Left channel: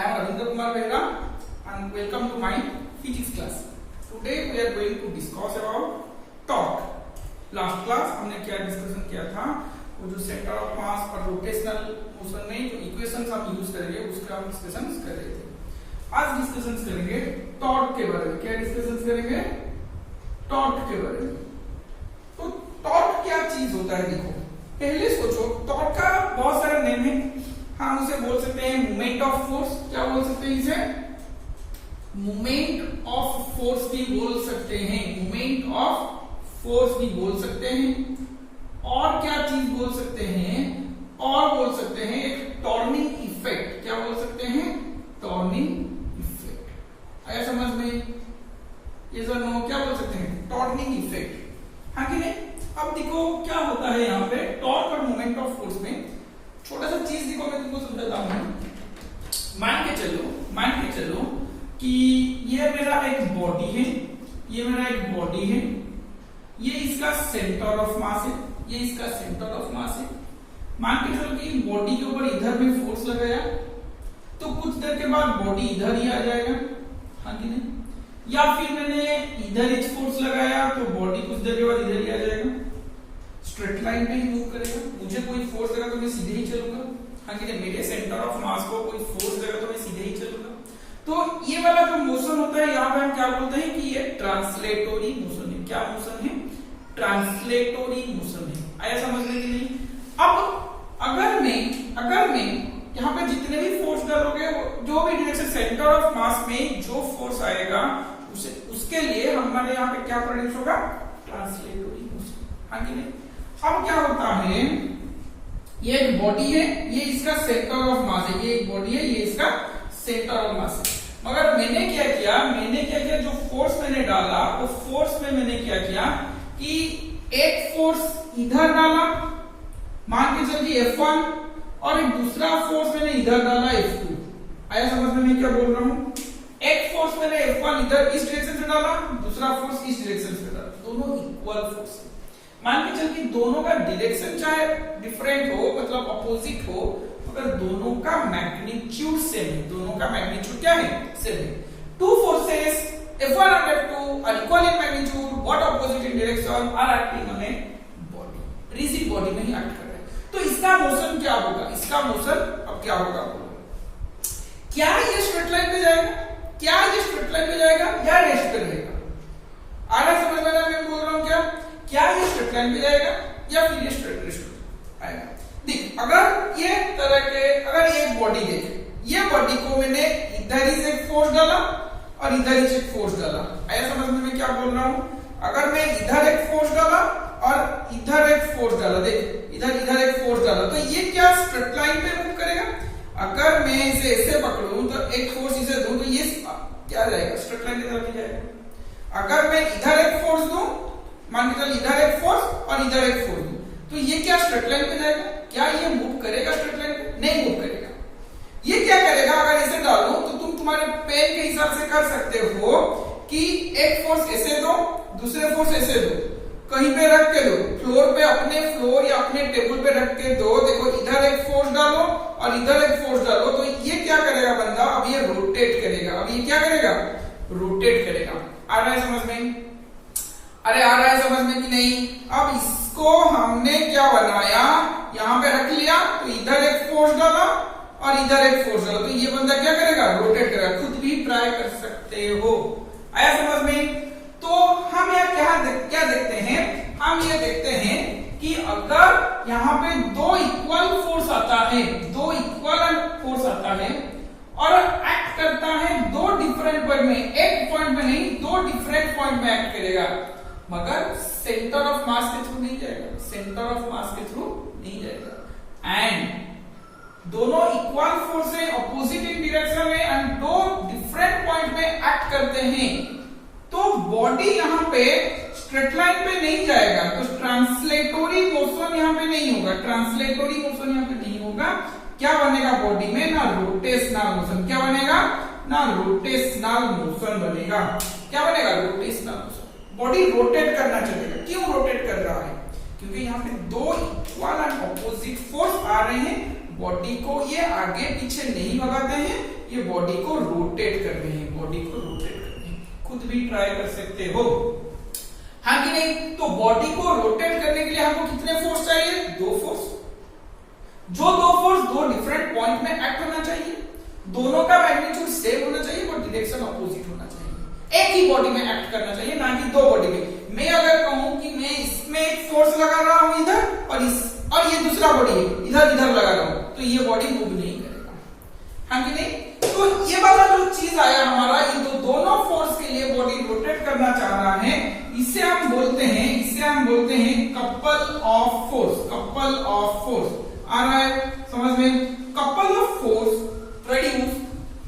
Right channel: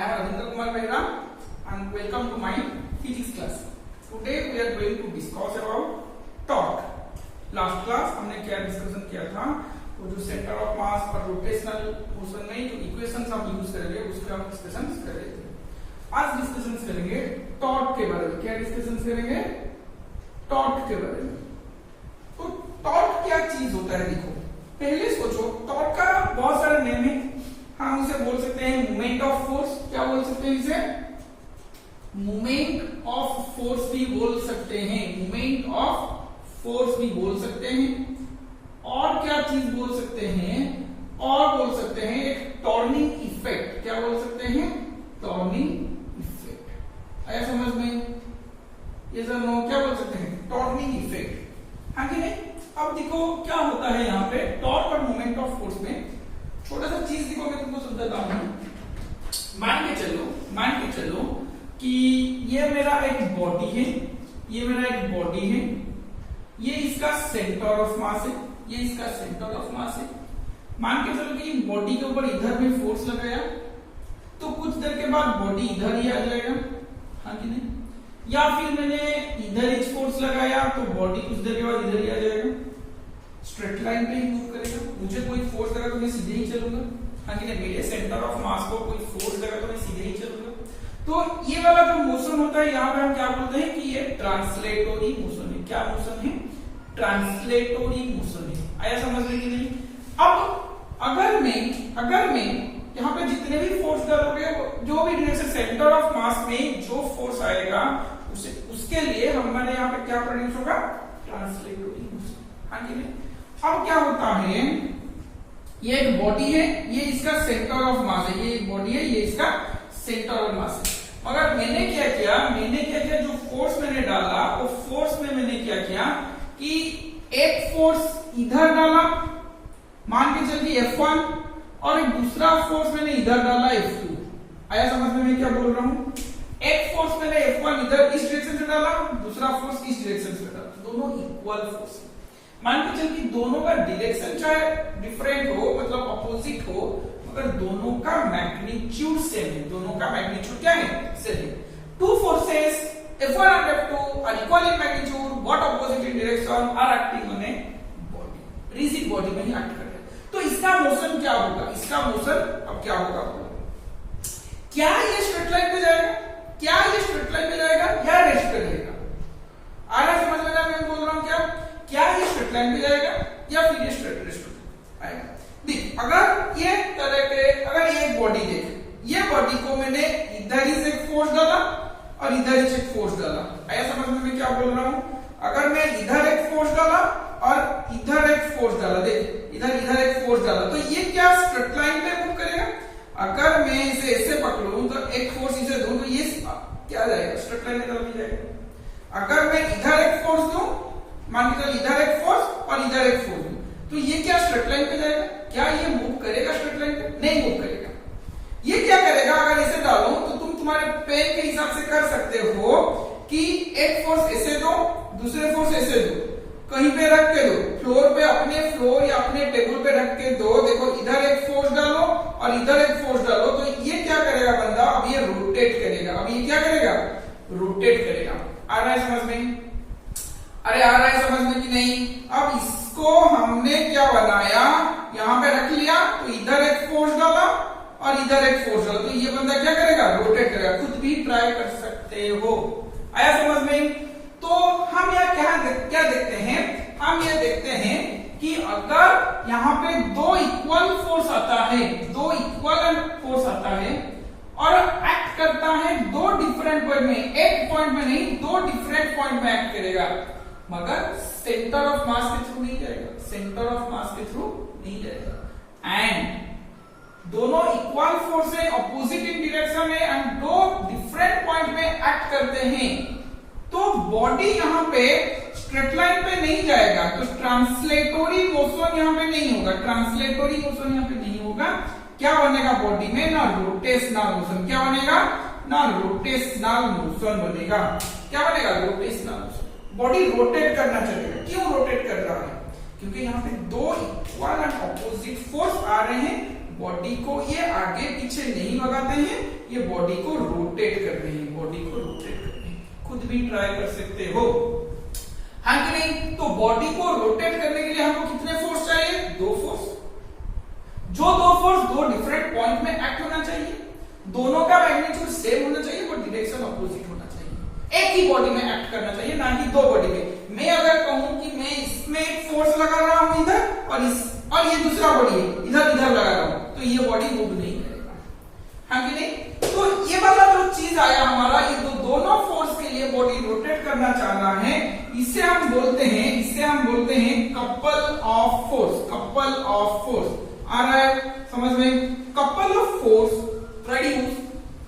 I am Ravindra Kumar Behra and welcome to my physics class. Today we are going to discuss about torque. Last class हमने क्या discussion किया था, वो जो centre of mass और rotational motion में जो इक्वेशंस हम यूज करेंगे उसका हम डिस्कशन कर रहे थे. आज डिस्कशन करेंगे टॉर्क के बारे में. क्या डिस्कशन करेंगे? टॉर्क के बारे में. तो टॉर्क क्या चीज होता है? देखो पहले सोचो, टॉर्क का बहुत सारे नेम है. हम उसे बोल सकते हैं मोमेंट ऑफ फोर्स. क्या बोल सकते हैं इसे? मोमेंट ऑफ फोर्स भी बोल सकते हैं. मोमेंट ऑफ फोर्स भी बोल सकते हैं. और क्या चीज बोल सकते हैं? और बोल सकते हैं एक टॉर्निंग इफेक्ट. क्या बोल सकते हैं? टॉर्निंग इफेक्ट. आया समझ में? ये सर नो क्या बोल सकते हैं? टॉर्निंग इफेक्ट. हाँ कि नहीं? अब देखो क्या होता है यहाँ पे टॉर्क और मोमेंट ऑफ फोर्स में. छोटा सा चीज देखो, मैं तुमको समझाता हूं. मान के चलो कि ये मेरा एक बॉडी है, ये मेरा एक बॉडी है, ये इसका सेंटर ऑफ मास है, ये इसका सेंटर ऑफ मास है. मान के चलो कि बॉडी के ऊपर इधर में फोर्स लगाया तो कुछ देर के बाद बॉडी इधर ही आ जाएगा. हाँ कि नहीं? या फिर मैंने इधर एक फोर्स लगाया तो बॉडी कुछ देर के बाद इधर ही आ जाएगा. स्ट्रेट लाइन पे ही मूव करेगा. मुझे कोई फोर्स लगा तो मैं सीधे ही चलूंगा. हाँ कि नहीं? मेरे सेंटर ऑफ मास को कोई फोर्स लगा तो मैं सीधे ही चलूंगा. तो ये वाला जो मोशन होता है यहाँ पे हम क्या बोलते हैं कि ये ट्रांसलेटोरी मोशन है. क्या मोशन है? ट्रांसलेटोरी मोशन है. आया समझ में कि नहीं? अब अगर मैं यहाँ पे जितने भी फोर्स डालोगे, जो भी डायरेक्शन सेंटर ऑफ मास में जो फोर्स आएगा उसके लिए हमारे यहाँ पे क्या प्रोड्यूस होगा? ट्रांसलेटोरी मोशन. हाँ कि नहीं? अब क्या होता है, ये एक बॉडी है, ये इसका सेंटर ऑफ मास है. ये एक बॉडी है, ये इसका सेंटर ऑफ मास है. मगर मैंने क्या किया, जो फोर्स मैंने डाला वो फोर्स में मैंने क्या किया कि एक फोर्स इधर डाला, मान के चलिए F1, और एक दूसरा फोर्स मैंने इधर डाला F2. आया समझ में मैं क्या बोल रहा हूं? एक फोर्स मैंने F1 इधर इस डायरेक्शन से डाला, दूसरा फोर्स इस डायरेक्शन से डाला. दोनों इक्वल फोर्स. मान के चल कि दोनों का डायरेक्शन चाहे डिफरेंट हो, मतलब अपोजिट हो, मगर दोनों का मैग्नीट्यूड सेम है. दोनों का मैग्नीट्यूड क्या है? सेम है. Two forces F1 and F2 are equal in magnitude, but opposite in direction, are acting on a body. Rigid body में ही एक्ट कर रहे हैं. तो इसका मोशन क्या होगा? इसका मोशन अब क्या होगा? क्या ये स्ट्रेट लाइन पे जाएगा? क्या ये स्ट्रेट लाइन पे जाएगा या रेस्ट पे रहेगा? आ रहा है समझ में? मैं बोल रहा हूं क्या ये स्ट्रेट लाइन पे जाएगा या फिर ये स्ट्रेट रेस्ट आएगा? देख, अगर ये तरह के, अगर ये बॉडी देख, ये बॉडी को मैंने इधर ही से फोर्स डाला और इधर ही से फोर्स डाला. आया समझ में मैं क्या बोल रहा हूं? अगर मैं इधर एक फोर्स डाला और इधर एक फोर्स डाला, देख इधर एक फोर्स डाला, तो ये क्या स्ट्रेट लाइन पे मूव करेगा? अगर मैं इसे ऐसे पकड़ूं तो एक फोर्स इसे दूं तो ये क्या जाएगा? स्ट्रेट लाइन की तरफ ही जाएगा. अगर मैं इधर एक फोर्स दूं, मान के चलो इधर एक फोर्स और इधर एक फोर्स दूं, तो ये क्या स्ट्रेट लाइन पे जाएगा? क्या ये मूव करेगा स्ट्रेट लाइन पे? नहीं मूव करेगा. ये क्या करेगा? अगर ऐसे डालूं तो तुम तुम्हारे पेन के हिसाब से कर सकते हो कि एक फोर्स ऐसे दो, दूसरे फोर्स ऐसे दो, कहीं पे रख के दो, फ्लोर पे, अपने फ्लोर या अपने टेबल पे रख के दो. देखो इधर एक फोर्स डालो और इधर एक फोर्स डालो, तो ये क्या करेगा बंदा? अब ये रोटेट करेगा. अब ये क्या करेगा? रोटेट करेगा. आ रहा है समझ में? अरे आ रहा है समझ में कि नहीं? अब इसको हमने क्या बनाया, यहां पे रख लिया, तो इधर एक फोर्स डाला और इधर एक फोर्स डाला, तो ये बंदा क्या करेगा? रोटेट करेगा. खुद भी ट्राई कर सकते हो. आया समझ में? तो हम यह क्या देखते हैं? हम ये देखते हैं कि अगर यहाँ पे दो इक्वल फोर्स आता है, दो इक्वल फोर्स आता है और एक्ट करता है दो डिफरेंट पॉइंट में, एक पॉइंट में नहीं, दो डिफरेंट पॉइंट में एक्ट करेगा, मगर सेंटर ऑफ मास के थ्रू नहीं जाएगा. सेंटर ऑफ मास के थ्रू नहीं जाएगा. एंड दोनों इक्वल फोर्स है, ऑपोजिट इन डायरेक्शन है, एंड दो डिफरेंट पॉइंट में एक्ट करते हैं, तो बॉडी यहाँ पे स्ट्रेट लाइन पे नहीं जाएगा. तो ट्रांसलेटोरी मोशन यहाँ पे नहीं होगा. ट्रांसलेटोरी मोशन यहाँ पे नहीं होगा. क्या बनेगा बॉडी में? ना रोटेशनल मोशन. क्या बनेगा? ना रोटेशनल मोशन बनेगा. क्या बनेगा? Rotational motion. बॉडी रोटेट करना चलेगा. क्यों रोटेट कर रहा है? क्योंकि यहाँ पे दो इक्वल एंड ऑपोजिट फोर्स आ रहे हैं. बॉडी को ये आगे पीछे नहीं भगाते हैं, ये बॉडी को रोटेट कर रहे हैं, बॉडी को रोटेट कर रहे हैं। खुद भी ट्राई कर सकते हो, हाँ कि नहीं? तो बॉडी को रोटेट करने के लिए हमको कितने फोर्स चाहिए? 2 फोर्स। जो 2 फोर्स 2 डिफरेंट पॉइंट में एक्ट होना चाहिए, दोनों का मैग्नीट्यूड सेम होना चाहिए और डायरेक्शन अपोजिट होना चाहिए। एक ही बॉडी में एक्ट करना चाहिए, ना कि 2 बॉडी में। मैं अगर कहूं कि मैं इसमें एक फोर्स लगा रहा हूं इधर और ये दूसरा बॉडी है इधर लगा रहा हूं, तो ये बॉडी मूव नहीं करेगा, हाँ कि नहीं? तो ये वाला जो चीज आया हमारा, ये दोनों फोर्स के लिए बॉडी रोटेट करना चाह रहा है, इसे हम बोलते हैं couple of force. Couple of force आ रहा है समझ में? Couple of force produce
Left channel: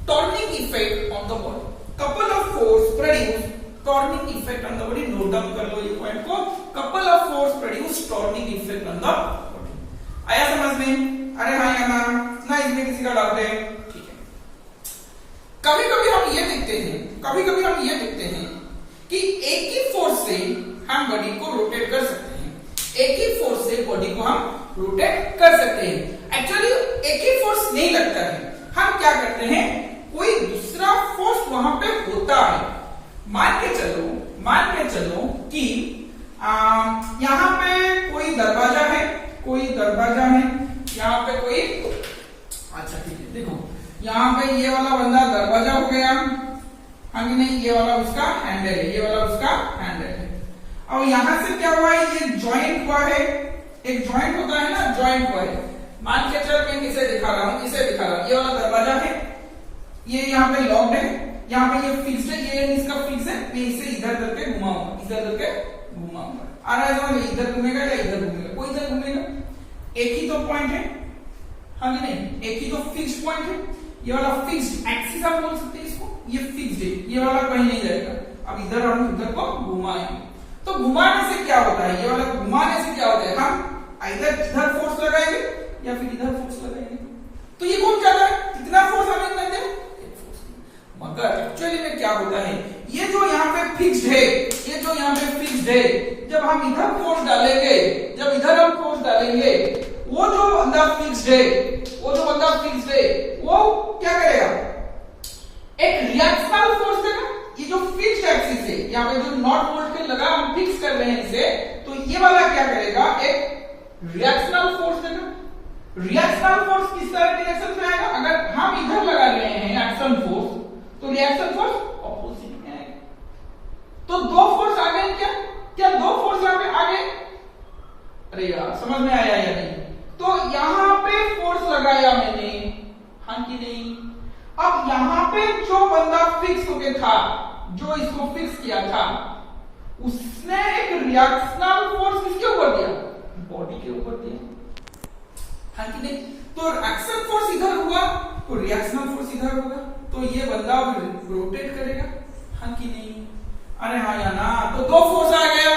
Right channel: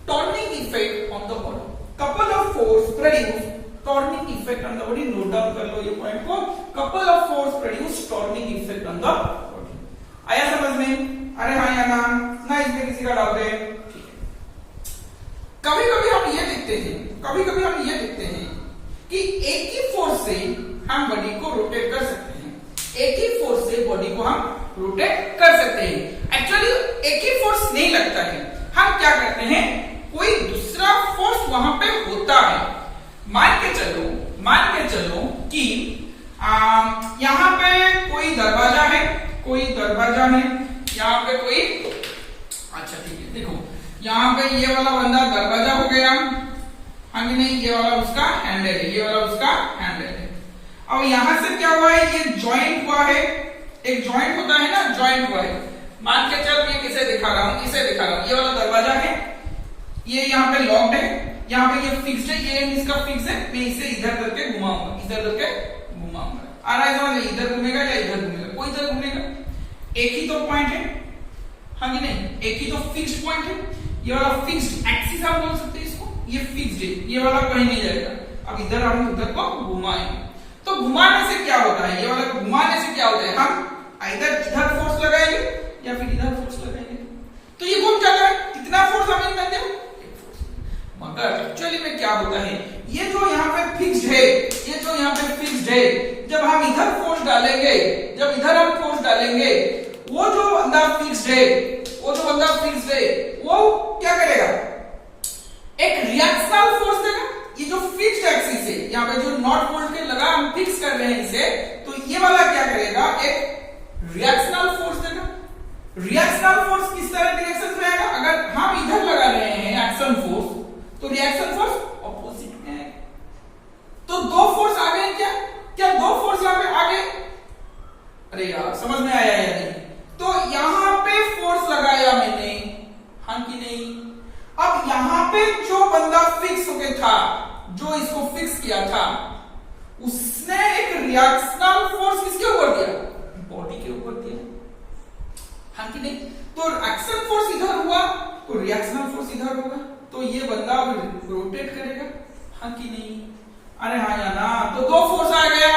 turning effect on the body. Couple of force produce turning effect on the body. Note down कर लो ये पॉइंट को। Couple of force produce turning effect on the body. आया समझ में? अरे हाँ या ना इसमें किसी का डाउट है? ठीक है। कभी कभी हम ये देखते हैं कि एक ही फोर्स से हम बॉडी को रोटेट कर सकते हैं, एक ही फोर्स से बॉडी को हम रोटेट कर सकते हैं। एक्चुअली एक ही फोर्स नहीं लगता है, हम क्या करते हैं, कोई दूसरा फोर्स वहां पे होता है। मान के चलो कि यहाँ पे कोई दरवाजा है, यहाँ पे कोई, अच्छा ठीक है, देखो यहाँ पे ये वाला बंदा दरवाजा हो गया, हाँ कि नहीं? ये वाला उसका हैंडल है, अब यहाँ से क्या हुआ है, ये जॉइंट हुआ है, एक जॉइंट होता है ना, जॉइंट हुआ है। मान के चल मैं किसे दिखा रहा हूँ, ये वाला दरवाजा है, ये यहाँ पे लॉक्ड है, यहाँ पे ये फिक्स्ड है, ये इसका फिक्स है, मैं इसे इधर करके घुमाऊंगा, आ रहा है समझ? इधर घूमेगा या इधर घूमेगा, कोई इधर घूमेगा, एक ही तो पॉइंट है, हाँ कि नहीं? एक ही तो फिक्स्ड पॉइंट है, ये वाला फिक्स्ड एक्सिस आप बोल सकते हैं इसको, ये फिक्स्ड है, ये वाला कहीं नहीं जाएगा। अब इधर हम इधर को घुमाएंगे, तो घुमाने से क्या होता है, ये वाला घुमाने से क्या होता है, हम इधर फोर्स लगाएंगे या फिर इधर फोर्स लगाएंगे, तो ये घूम जाता है। कितना फोर्स हमें मिलता है? एक फोर्स। मगर एक्चुअली में क्या होता है, ये जो यहाँ पे फिक्स्ड है, जब हम इधर फोर्स डालेंगे, वो जो बंदा फिक्स्ड है, वो क्या करेगा, एक रिएक्शनल फोर्स देगा। ये जो फिक्स्ड एक्सिस है, यहाँ पे जो नॉट बोल्ट के लगा हम फिक्स कर रहे हैं इसे, तो ये वाला क्या करेगा, एक रिएक्शनल फोर्स देगा। रिएक्शनल फोर्स किस तरह डायरेक्शन में आएगा, अगर हम इधर लगा रहे हैं एक्शन फोर्स, तो रिएक्शन फोर्स ऑपोजिट में आएगा। तो 2 फोर्स आ गए क्या 2 फोर्स यहाँ पे आ गए? अरे यार समझ में आया या नहीं? तो यहाँ पे फोर्स लगाया मैंने, हाँ कि नहीं? अब यहाँ पे जो बंदा फिक्स होके था, जो इसको फिक्स किया था, उसने एक रिएक्शनल फोर्स किसके ऊपर दिया? बॉडी के ऊपर दिया, हाँ कि नहीं? तो एक्शन फोर्स इधर हुआ, तो रिएक्शनल फोर्स इधर होगा, तो ये बंदा रोटेट करेगा, हाँ कि नहीं? अरे हाँ या ना? तो 2 फोर्स आ गया,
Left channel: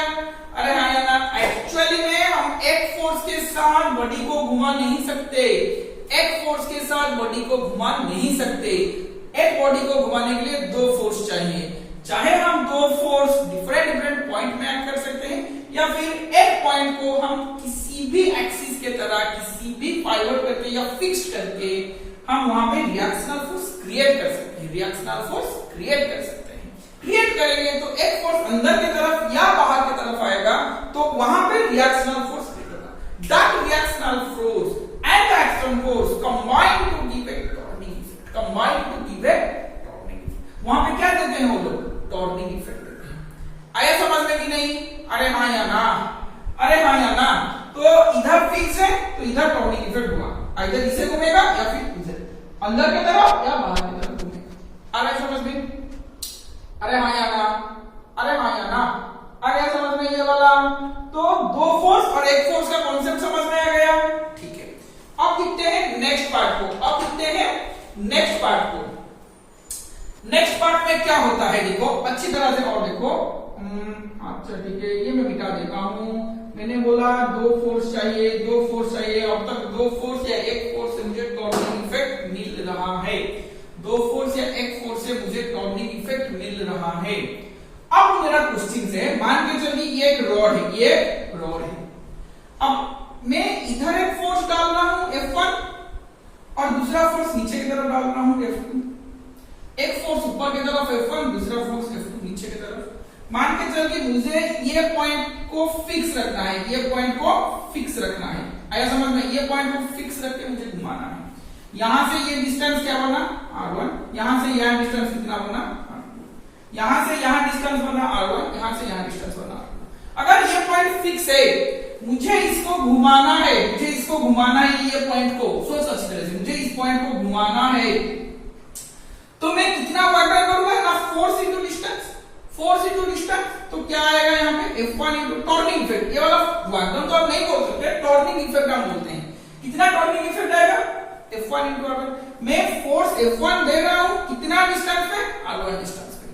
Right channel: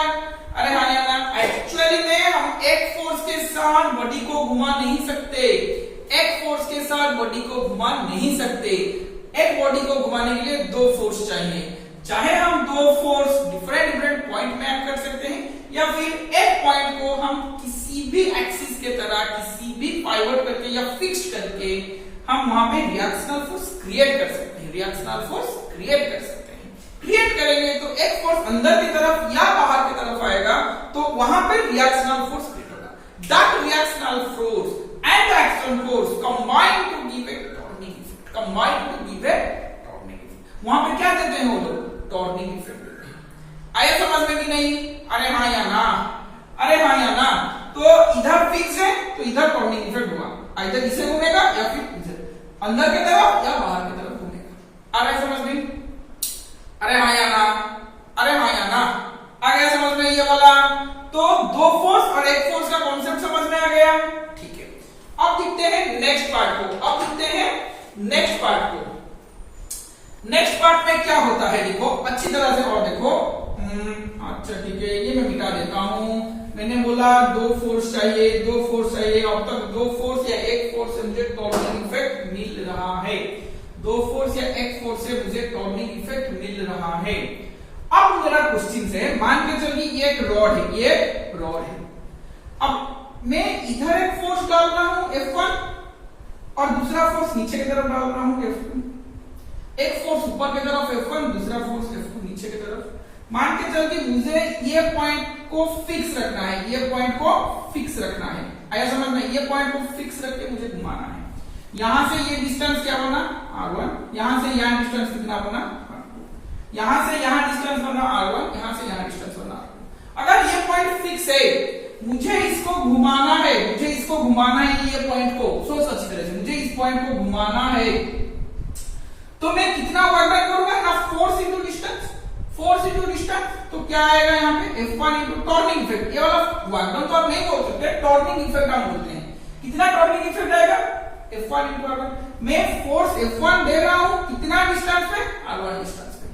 अरे हाँ या ना? एक्चुअली में हम एक फोर्स के साथ बॉडी को घुमा नहीं सकते, एक बॉडी को घुमाने के लिए 2 फोर्स चाहिए। चाहे हम 2 फोर्स डिफरेंट पॉइंट में ऐड कर सकते हैं, या फिर एक पॉइंट को हम किसी भी एक्सिस के तरह किसी भी पाइवट करके या फिक्स करके हम वहां पे रिएक्शनल फोर्स क्रिएट कर सकते हैं। क्रिएट करेंगे तो एक फोर्स अंदर की तरफ या बाहर की तरफ आएगा, तो वहां पे रिएक्शनल फोर्स क्रिएट होगा। That reactional force and the action force combine to give a turning effect. वहां पे क्या देते हैं वो लोग? टॉर्निंग इफेक्ट देते हैं। आया समझ में कि नहीं? अरे हाँ या ना? तो इधर फिक्स है, तो इधर टॉर्निंग इफेक्ट होगा, इधर इसे घूमेगा या फिर इधर, अंदर की तरफ या बाहर की तरफ घूमेगा। आ रहा है समझ में? अरे हाँ या ना? आ गया समझ में ये वाला? तो 2 फोर्स और एक फोर्स का कॉन्सेप्ट समझ में आ गया, ठीक है। अब देखते हैं नेक्स्ट पार्ट में क्या होता है, देखो अच्छी तरह से और देखो। अच्छा ठीक है, ये मैं मिटा देता हूं। मैंने बोला 2 फोर्स चाहिए, अब तक 2 फोर्स या एक फोर्स से मुझे टॉर्निंग इफेक्ट मिल रहा है, 2 फोर्स या एक फोर्स से मुझे टॉर्निंग इफेक्ट मिल रहा है। अब मेरा क्वेश्चन है, मान के चलिए ये एक रॉड है, अब मैं इधर एक फोर्स डाल रहा हूं F1 और दूसरा फोर्स नीचे की तरफ डाल रहा हूं F2। एक फोर्स ऊपर की तरफ F1, दूसरा फोर्स F2 नीचे की तरफ। मान के चल कि मुझे ये पॉइंट को फिक्स रखना है, ये पॉइंट को फिक्स रखना है, आया समझ में? ये पॉइंट को फिक्स रख के मुझे घुमाना है। यहां से ये डिस्टेंस क्या बना R1, यहां से यहां डिस्टेंस कितना बना R2, यहां से यहां डिस्टेंस बना R1, यहां से यहां डिस्टेंस बना R2। अगर ये पॉइंट फिक्स है, मुझे इसको घुमाना है, मुझे इसको घुमाना है, ये पॉइंट को सोच अच्छी तरह से, मुझे इस पॉइंट को घुमाना है, तो मैं कितना वर्क डन करूंगा ना, force into distance, force into distance, तो क्या आएगा यहाँ पे F1 इंटू टॉर्निंग इफेक्ट। ये वाला वर्क डन तो आप नहीं बोल सकते, टॉर्निंग इफेक्ट हम बोलते हैं। कितना टॉर्निंग इफेक्ट आएगा F1 इंटू R1। मैं फोर्स F1 दे रहा हूं कितना डिस्टेंस पे, R1 डिस्टेंस पे,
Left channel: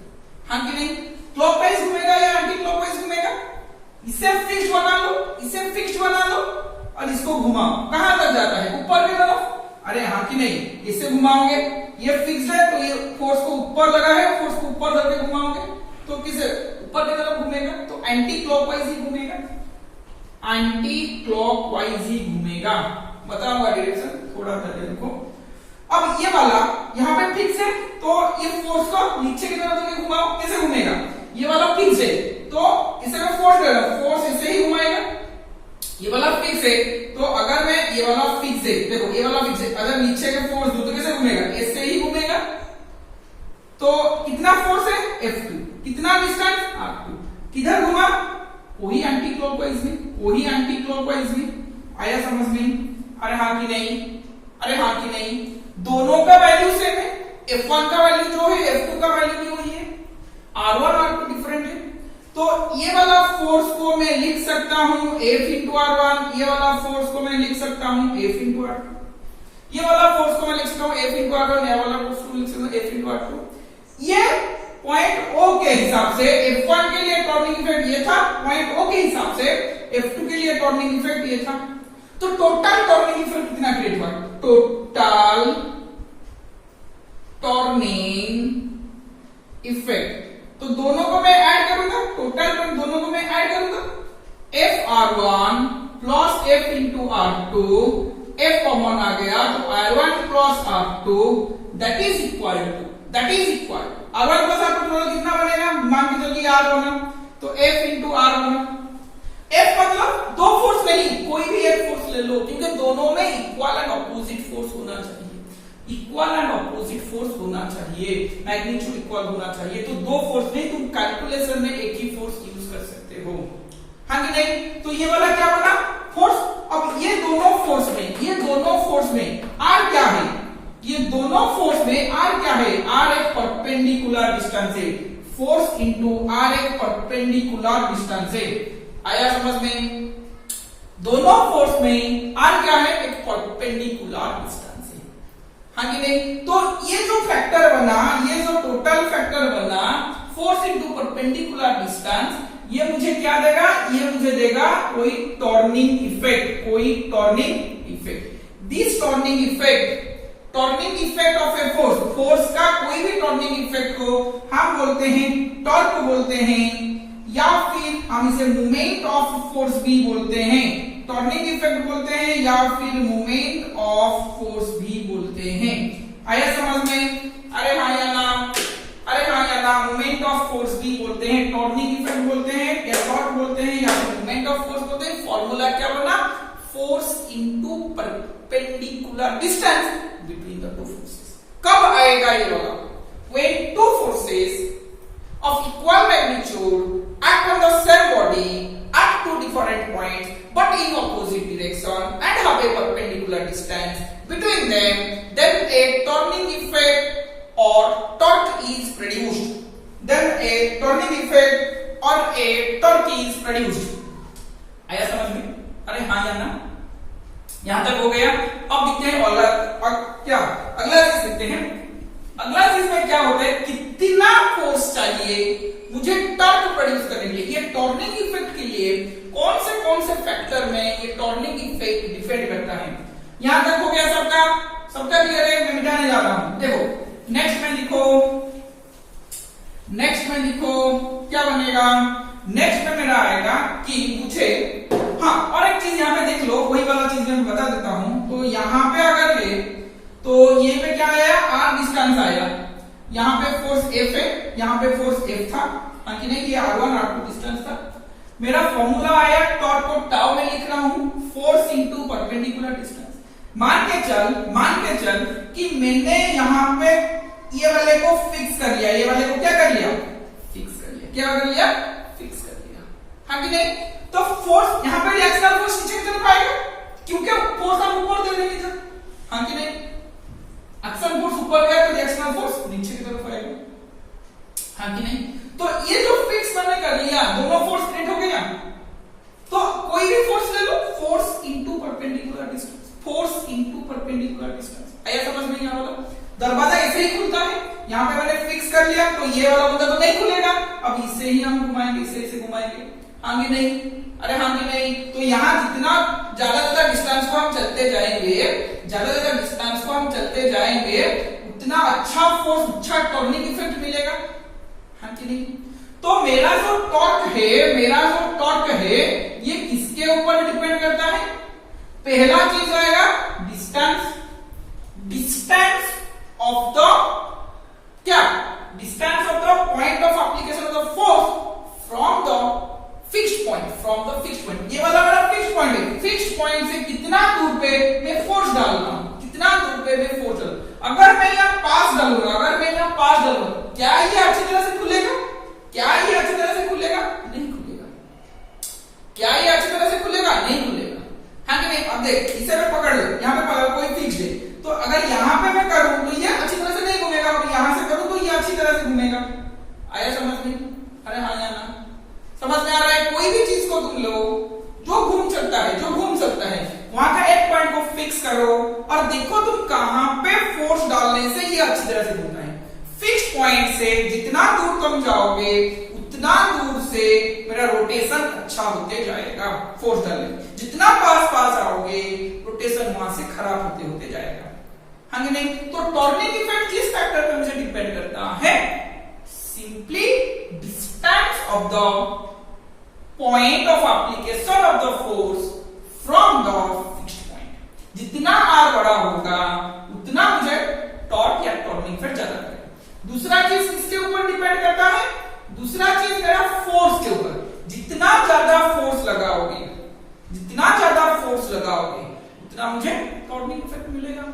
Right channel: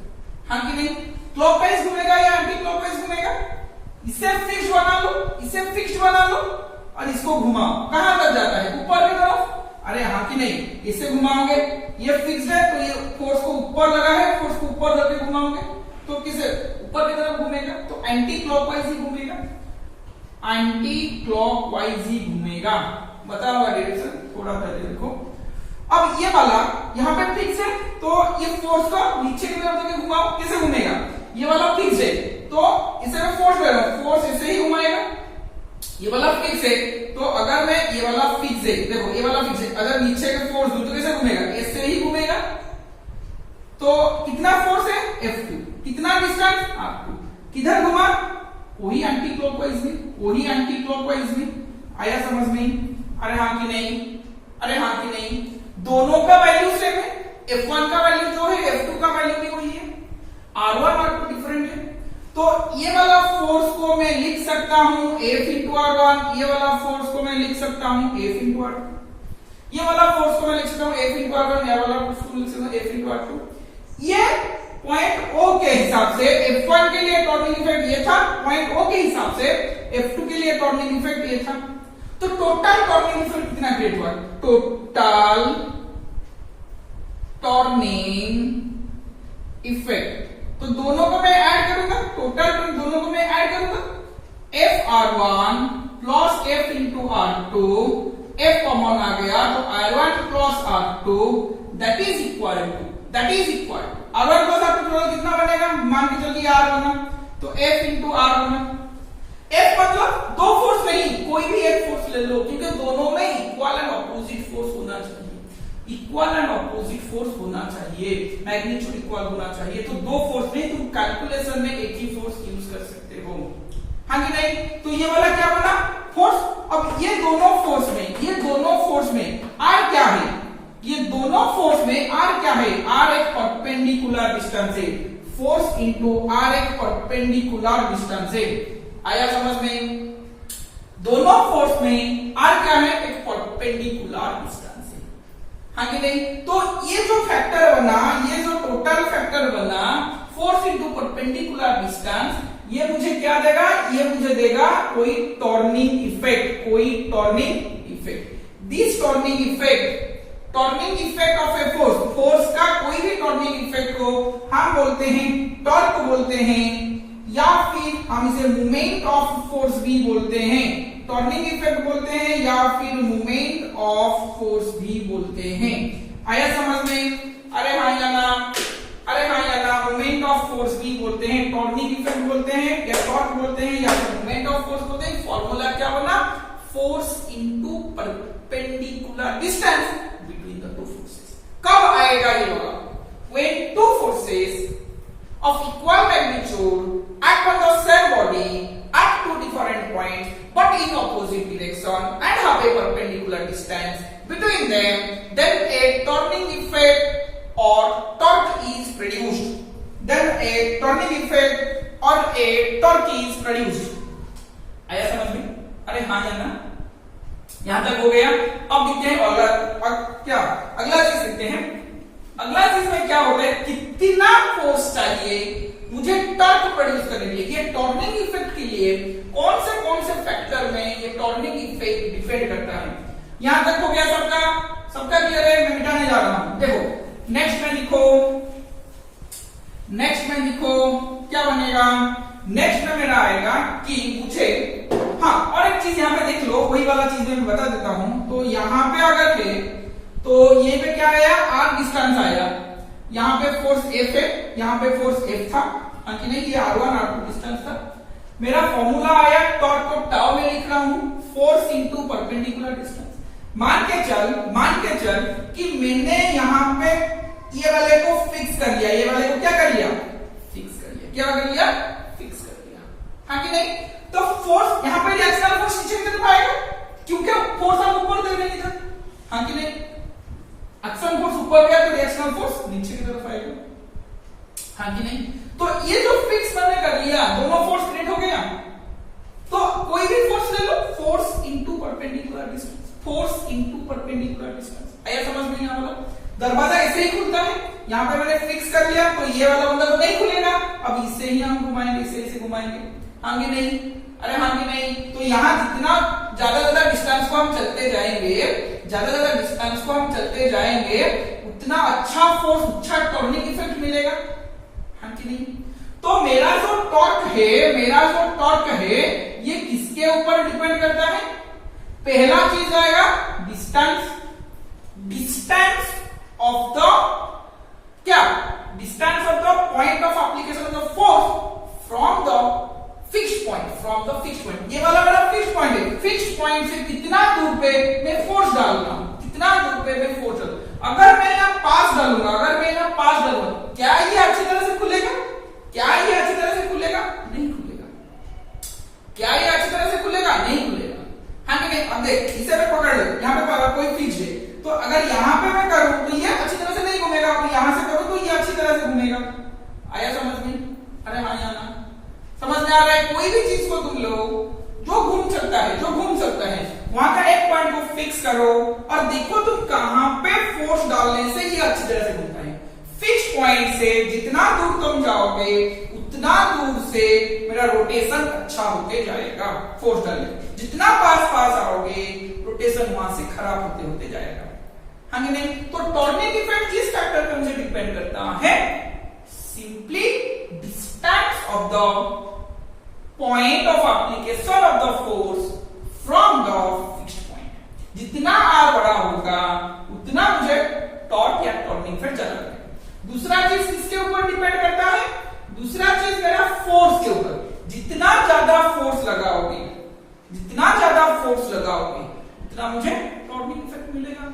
हाँ कि नहीं? क्लॉकवाइज घूमेगा या एंटी क्लॉकवाइज घूमेगा? इसे फिक्स्ड बना लो, इसे फिक्स्ड बना लो और इसको घुमाओ, कहां तक जाता है? ऊपर की तरफ। अरे हाँ कि नहीं? इसे घुमाओगे, ये फिक्स्ड है तो ये फोर्स को ऊपर लगा है, फोर्स को ऊपर करके घुमाओगे तो किसे ऊपर की तरफ घूमेगा, तो एंटी क्लॉकवाइज ही घूमेगा, एंटी क्लॉकवाइज ही घूमेगा। बता हुआ डायरेक्शन, थोड़ा सा देखो। अब ये वाला यहाँ पे फिक्स है, तो ये फोर्स को नीचे की तरफ घुमाओ, कैसे घूमेगा? ये वाला फिक्स है तो इसे मैं फोर्स दे रहा हूं, फोर्स इसे ही घुमाएगा। ये वाला फिक्स है तो अगर मैं ये वाला फिक्स है, देखो ये वाला फिक्स है, अगर नीचे का फोर्स दूं तो कैसे घूमेगा? ऐसे ही घूमेगा। तो कितना फोर्स है F2, कितना डिस्टेंस R2, किधर घुमा? कोई एंटी क्लॉकवाइज में, कोई एंटी क्लॉकवाइज में। आया समझ में? अरे हाँ कि नहीं? अरे हाँ कि नहीं? दोनों का वैल्यू सेम है, F1 का वैल्यू जो है F2 का वैल्यू भी वही है, R1 R2 डिफरेंट है। तो ये वाला फोर्स को मैं लिख सकता हूं F इंटू R1, ये वाला फोर्स को मैं लिख सकता हूं F इंटू R2, ये वाला फोर्स को मैं लिख सकता हूं F इंटू R1, ये वाला फोर्स को लिख सकता हूं F इंटू R2। ये पॉइंट O के हिसाब से F1 के लिए टॉर्निंग इफेक्ट ये था, पॉइंट O के हिसाब से F2 के लिए टॉर्निंग इफेक्ट ये था। तो टोटल टॉर्निंग इफेक्ट कितना क्रिएट हुआ? टोटल टॉर्निंग इफेक्ट, तो दोनों को मैं ऐड करूंगा, टोटल दोनों को मैं ऐड करूंगा, FR1 plus F into R2, F common आ गया तो R1 plus R2 that is equal to R1 plus R2 total कितना बनेगा? मान के चलिए R बना तो F इंटू R बना। F मतलब दो फोर्स नहीं, कोई भी एक फोर्स ले लो, क्योंकि दोनों में इक्वल एंड ऑपोजिट फोर्स होना चाहिए, इक्वल एंड ऑपोजिट फोर्स होना चाहिए, मैग्नीट्यूड इक्वल होना चाहिए। तो दो फोर्स नहीं, तुम कैलकुलेशन में एक ही फोर्स यूज कर सकते हो, हाँ कि नहीं? तो ये वाला क्या बना? फोर्स। अब ये दोनों फोर्स में R क्या है? ये दोनों फोर्स में R क्या है? R एक परपेंडिकुलर डिस्टेंस है, फोर्स इंटू R एक परपेंडिकुलर डिस्टेंस है। आया समझ में? दोनों फोर्स में R क्या है? एक परपेंडिकुलर डिस्टेंस है, हाँ कि नहीं? तो ये जो फैक्टर बना, ये जो टोटल फैक्टर बना फोर्स इंटू परपेंडिकुलर डिस्टेंस, ये मुझे क्या देगा? ये मुझे देगा कोई टॉर्निंग इफेक्ट, कोई turning effect. This turning effect of a force का कोई भी टॉर्निंग इफेक्ट को हम बोलते हैं टॉर्क बोलते हैं, या फिर हम इसे मोमेंट ऑफ फोर्स भी बोलते हैं, टॉर्निंग इफेक्ट बोलते हैं या फिर मोमेंट ऑफ फोर्स भी बोलते हैं। आया समझ में? अरे हाँ या ना? अरे हाँ या ना? मोमेंट ऑफ फोर्स भी बोलते हैं, टॉर्निंग इफेक्ट बोलते हैं, या टॉर्क बोलते हैं, या फिर मोमेंट ऑफ फोर्स बोलते हैं। फॉर्मूला क्या बना? Force into perpendicular distance between the two forces. कब आएगा ये वाला? When two forces of equal magnitude act on the same body at two different points but in opposite direction and have a perpendicular distance between them, then a turning effect or torque is produced. Then a turning effect or a torque is produced. आया समझ में? अरे हाँ या ना? यहां तक हो गया। अब देखते हैं अगला चीज देखते हैं। अगला चीज में क्या होता है? कितना फोर्स चाहिए मुझे टॉर्क प्रोड्यूस करने के लिए? ये टॉर्निंग इफेक्ट के लिए कौन से फैक्टर में ये टॉर्निंग इफेक्ट डिपेंड करता है? यहां तक हो गया सबका क्लियर है? मैं मिटाने जा रहा हूं। देखो नेक्स्ट में देखो क्या बनेगा? नेक्स्ट में मेरा आएगा कि मुझे, हाँ और एक चीज यहाँ पे देख लो, वही वाला चीज मैं बता देता हूं। तो यहाँ पे अगर है तो ये पे क्या आया? R डिस्टेंस आया, यहाँ पे फोर्स F है, यहाँ पे फोर्स F था, हाँ कि नहीं, ये R1 R2 डिस्टेंस था। मेरा फॉर्मूला आया, टॉर्क को टाउ में लिख रहा हूं, फोर्स इनटू परपेंडिकुलर डिस्टेंस। मान के चल कि मैंने यहाँ पे ये वाले को फिक्स कर लिया, ये वाले को क्या कर लिया, फिक्स कर लिया, क्या कर लिया, फिक्स कर लिया, हाँ कि नहीं। तो फोर्स यहाँ पे रिएक्शनल फोर्स नीचे की तरफ आएगा, क्योंकि फोर्स हम ऊपर दे रहे हैं, हाँ कि नहीं। एक्शन फोर्स ऊपर गया तो रिएक्शनल फोर्स नीचे की तरफ आएगा, हाँ कि नहीं। तो ये जो फिक्स मैंने कर लिया, दोनों फोर्स क्रिएट हो गया। तो कोई भी फोर्स ले लो, force into perpendicular distance, force into perpendicular distance. आया समझ में यहाँ वाला दरवाजा ऐसे ही खुलता है, यहाँ पे मैंने फिक्स कर लिया तो ये वाला बंदा तो नहीं खुलेगा, अब इससे ही हम घुमाएंगे, इसे घुमाएंगे, हाँ कि नहीं, अरे हाँ कि नहीं। तो यहाँ जितना ज्यादा डिस्टेंस को हम चलते जाएंगे, ज्यादा डिस्टेंस को हम चलते जाएंगे, उतना अच्छा फोर्स, अच्छा टर्निंग इफेक्ट मिलेगा, हाँ कि नहीं। तो मेरा जो टॉर्क है ये किसके ऊपर डिपेंड करता है, पहला चीज आएगा डिस्टेंस ऑफ द क्या, distance of the point of application of the force from the fixed point, ये वाला मेरा फिक्स्ड पॉइंट है, फिक्स्ड पॉइंट से कितना दूर पे मैं फोर्स डाल रहा हूं, कितना दूर पे मैं फोर्स डाल, अगर मैं यहाँ पास डालूंगा, क्या ये अच्छी तरह से खुलेगा, नहीं खुलेगा, क्या ये अच्छी तरह से खुलेगा, नहीं खुलेगा, हाँ कि नहीं। अब देख, इसे मैं पकड़ लूं, यहाँ पे कोई फिक्स है, तो अगर यहाँ पे मैं करूं तो ये अच्छी तरह से नहीं घूमेगा, यहां से करूं तो ये अच्छी तरह से घूमेगा। आया समझ में, अरे हाँ या ना, समझ में आ रहा है। कोई भी चीज को तुम लो जो घूम सकता है, वहां का एक पॉइंट को फिक्स करो और देखो तुम कहां पे फोर्स डालने से ये अच्छी तरह से घूमता है। फिक्स पॉइंट से जितना दूर तुम जाओगे उतना दूर से मेरा रोटेशन अच्छा होते जाएगा, फोर्स डालने जितना पास आओगे रोटेशन वहां से खराब होते जाएगा, हाँ कि नहीं। तो टर्निंग इफेक्ट किस फैक्टर पे मुझे डिपेंड करता है, simply distance of the point of application of the force from the fixed point. जितना आर बड़ा होगा उतना मुझे टॉर्क या टर्निंग इफेक्ट ज्यादा करेगा। दूसरा चीज किसके ऊपर डिपेंड करता है, दूसरा चीज मेरा फोर्स के ऊपर। जितना ज्यादा फोर्स लगाओगे उतना मुझे टर्निंग इफेक्ट मिलेगा,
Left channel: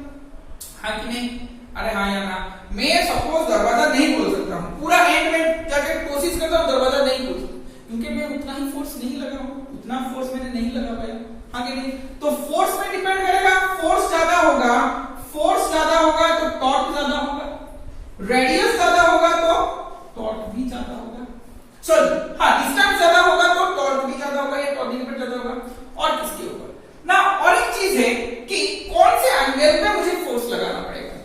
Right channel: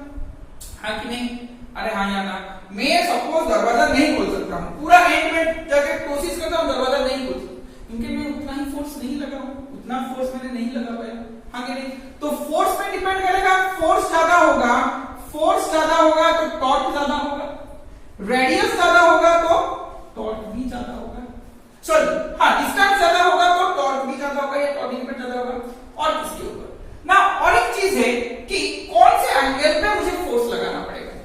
हाँ कि नहीं। अरे हाँ या ना, मैं सपोज दरवाजा नहीं खोल सकता हूं, पूरा एंड में जाके कोशिश करता हूं दरवाजा नहीं खोल सकता, क्योंकि मैं उतना ही फोर्स नहीं लगा हूं, उतना फोर्स मैंने नहीं लगा पाया, हाँ कि नहीं। तो फोर्स पे डिपेंड करेगा, फोर्स ज्यादा होगा तो टॉर्क ज्यादा होगा, रेडियस ज्यादा होगा तो टॉर्क भी ज्यादा होगा, सॉरी हाँ, डिस्टेंस ज्यादा होगा तो टॉर्क भी ज्यादा होगा या टॉर्क इफेक्ट ज्यादा होगा। और किसके ऊपर ना, और एक चीज है कि कौन से एंगल पे मुझे फोर्स लगाना पड़ेगा।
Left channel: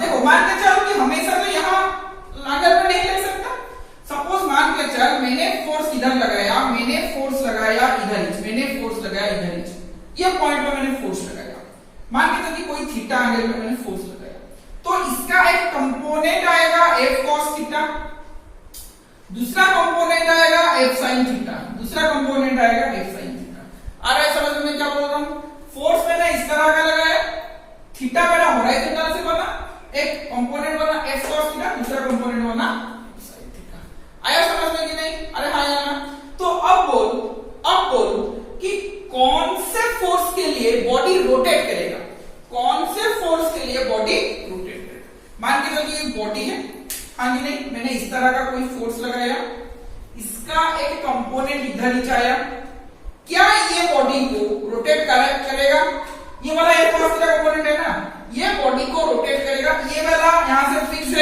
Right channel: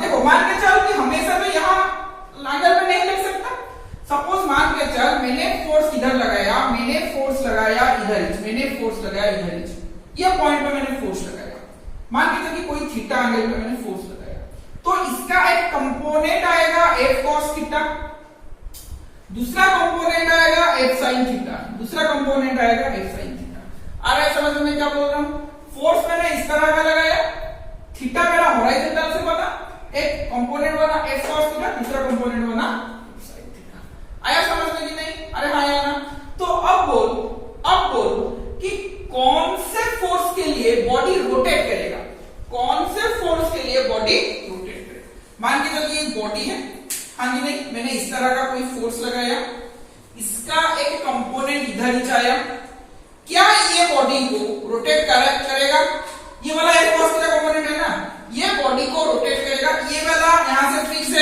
देखो मान के चल कि हमेशा तो यहाँ एंगल पे नहीं लग सकता। सपोज मान के चल मैंने फोर्स इधर लगाया, मैंने फोर्स लगाया इधर, ये पॉइंट पे मैंने फोर्स लगाया। मान के चल कि कोई थीटा एंगल पे मैंने फोर्स लगाया, तो इसका एक कंपोनेंट आएगा F cos थीटा, दूसरा कंपोनेंट आएगा F sin थीटा, दूसरा कंपोनेंट आएगा F sin थीटा। आ रहा है समझ में मैं क्या बोल रहा हूं। फोर्स मैंने इस तरह का लगाया, थीटा मेरा हॉरिजॉन्टल से बना, एक कंपोनेंट बना F cos थीटा, दूसरा कंपोनेंट बना F sin थीटा। आया समझ में कि नहीं, अरे हाँ या ना। तो अब बोल कि कौन से फोर्स के लिए बॉडी रोटेट करेगा, मान के चलिए एक बॉडी है, हाँ कि नहीं, मैंने इस तरह का कोई फोर्स लगाया, इसका एक कंपोनेंट इधर नीचे आया, क्या ये बॉडी को रोटेट करेगा, ये वाला F cos थीटा कंपोनेंट है ना, ये बॉडी को रोटेट करेगा। ये वाला यहां से फिक्स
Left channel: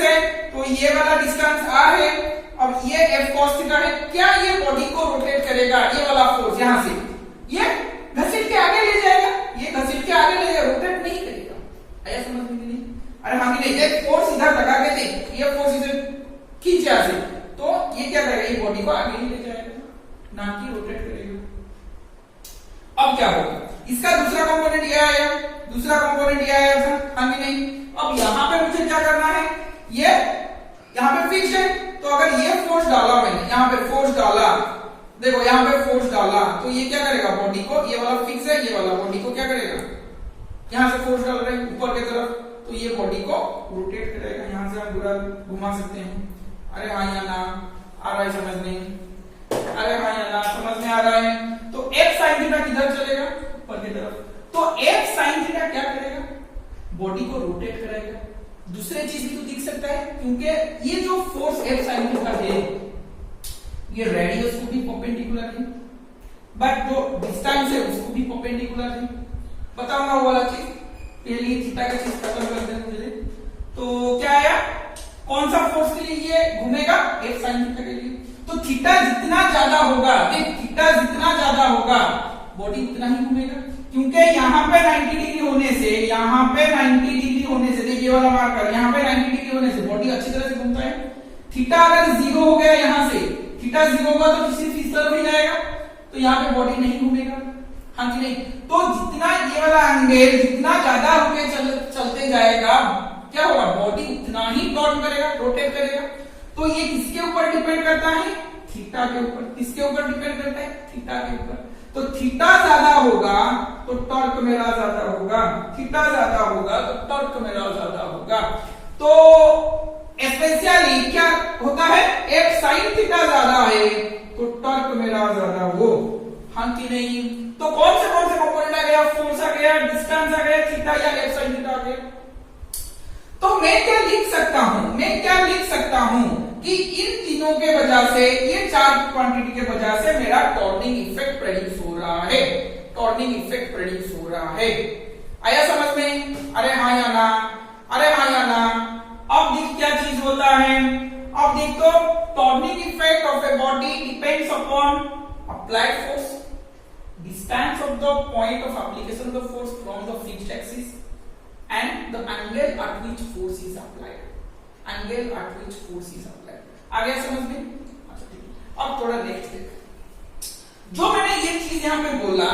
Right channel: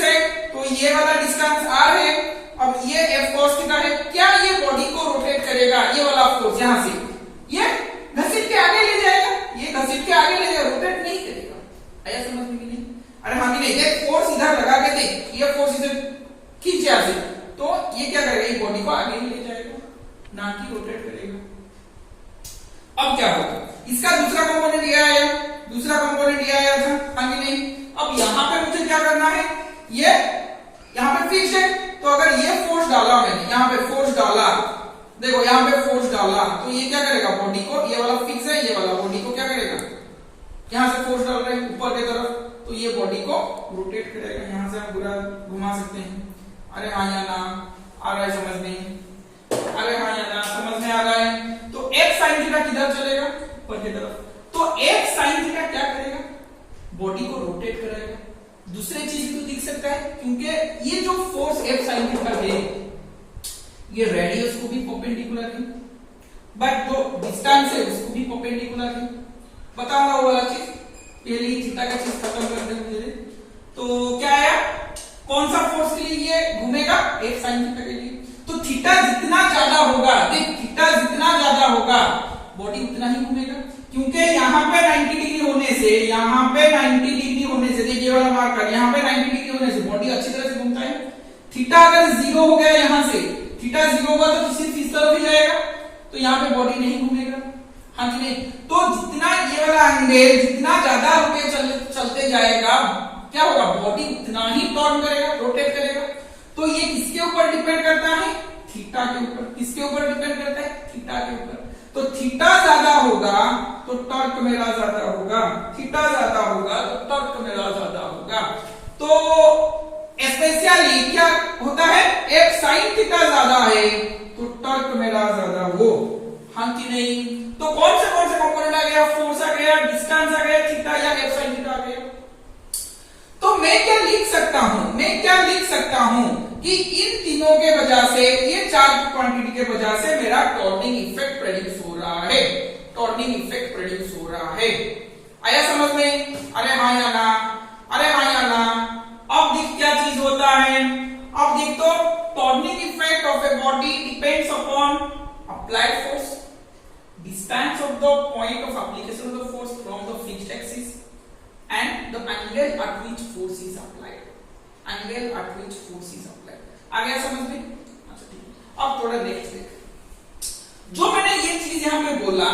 है, तो ये वाला डिस्टेंस r है, अब ये F cos थीटा है, क्या ये बॉडी को रोटेट करेगा, ये वाला फोर्स यहां से ये घसीट के आगे ले जाएगा, रोटेट नहीं करेगा। आया समझ में कि नहीं, अरे हाँ कि नहीं। एक फोर्स इधर लगा के देख, ये फोर्स इधर खींचा से, तो ये क्या करेगा, ये बॉडी को आगे ही ले जाएगा, ना कि रोटेट करेगा। अब क्या होगा, इसका दूसरा कंपोनेंट ये आया था, हाँ कि नहीं। अब यहां पे मुझे क्या करना है, ये यहां पे फिक्स है, तो अगर ये फोर्स डाला मैंने, यहां पे फोर्स डाला, देखो यहां पे फोर्स डाला, तो ये क्या करेगा, बॉडी को, ये वाला फिक्स है, ये वाला बॉडी को क्या करेगा, यहां से फोर्स डाल रहे हैं ऊपर की तरफ, तो तो ये बॉडी को रोटेट करेगा। यहां से हम पूरा घुमा सकते हैं। अरे हाँ या ना आ रहा है समझ में? अरे हाँ या ना समझ में आ रहा है? तो एक साइन थीटा किधर चलेगा? ऊपर की तरफ। तो एक साइन थीटा क्या करेगा? बॉडी को रोटेट करेगा। दूसरे चीज भी तो दिख सकता है, क्योंकि ये जो फोर्स एफ साइन थीटा है ये रेडियस को भी परपेंडिकुलर है, बट जो डिस्टेंस है उसको भी परपेंडिकुलर है। बताऊंगा वो वाला चीज, पहले थीटा का चीज खत्म कर दें मुझे। तो क्या आया? कौन सा फोर्स के लिए ये घूमेगा? एफ साइन थीटा के लिए। तो थीटा जितना ज्यादा होगा, देख थीटा जितना ज्यादा होगा बॉडी उतना ही घूमेगा, क्योंकि यहाँ पे 90 डिग्री होने से, यहाँ पे 90 डिग्री होने से, देखिए ये वाला मार्कर, यहाँ पे 90 डिग्री होने से बॉडी अच्छी तरह से घूमता है। थीटा अगर 0 हो गया, यहाँ से थीटा 0 होगा तो सिर्फ इस तरफ ही जाएगा, तो यहाँ पे बॉडी नहीं घूमेगा। हाँ कि नहीं? तो जितना ये वाला एंगल जितना ज्यादा होके चलते जाएगा, क्या होगा? बॉडी उतना ही टर्न करेगा, रोटेट करेगा। तो ये किसके ऊपर डिपेंड करता है? थीटा के ऊपर। किसके ऊपर डिपेंड करता है? थीटा के ऊपर। तो थीटा ज्यादा होगा तो टॉर्क मेरा ज्यादा होगा, थीटा ज्यादा होगा तो टॉर्क मेरा ज्यादा होगा। तो स्पेशली क्या होता है? एफ साइन थीटा ज्यादा है तो टॉर्क मेरा ज्यादा हो। हाँ कि नहीं? तो कौन से कंपोनेंट आ गया? फोर्स आ गया, डिस्टेंस आ गया, थीटा या एफ साइन थीटा आ गया। तो मैं क्या लिख सकता हूं? मैं क्या लिख सकता हूं कि इन तीनों के वजह से, ये चार्ज क्वांटिटी के वजह से मेरा टॉर्निंग इफेक्ट प्रोड्यूस हो रहा है। टॉर्निंग इफेक्ट प्रोड्यूस हो रहा है। आया समझ में? अरे हाँ या ना? अरे हाँ या ना? अब देख क्या चीज होता है। अब देख तो turning effect of a body depends upon applied force, distance of the point of application of the force from the fixed axis and the angle at which force is applied. Angle at which force is applied. आ गया समझ में? अच्छा ठीक। अब थोड़ा next देख। जो मैंने ये चीज यहाँ पे बोला,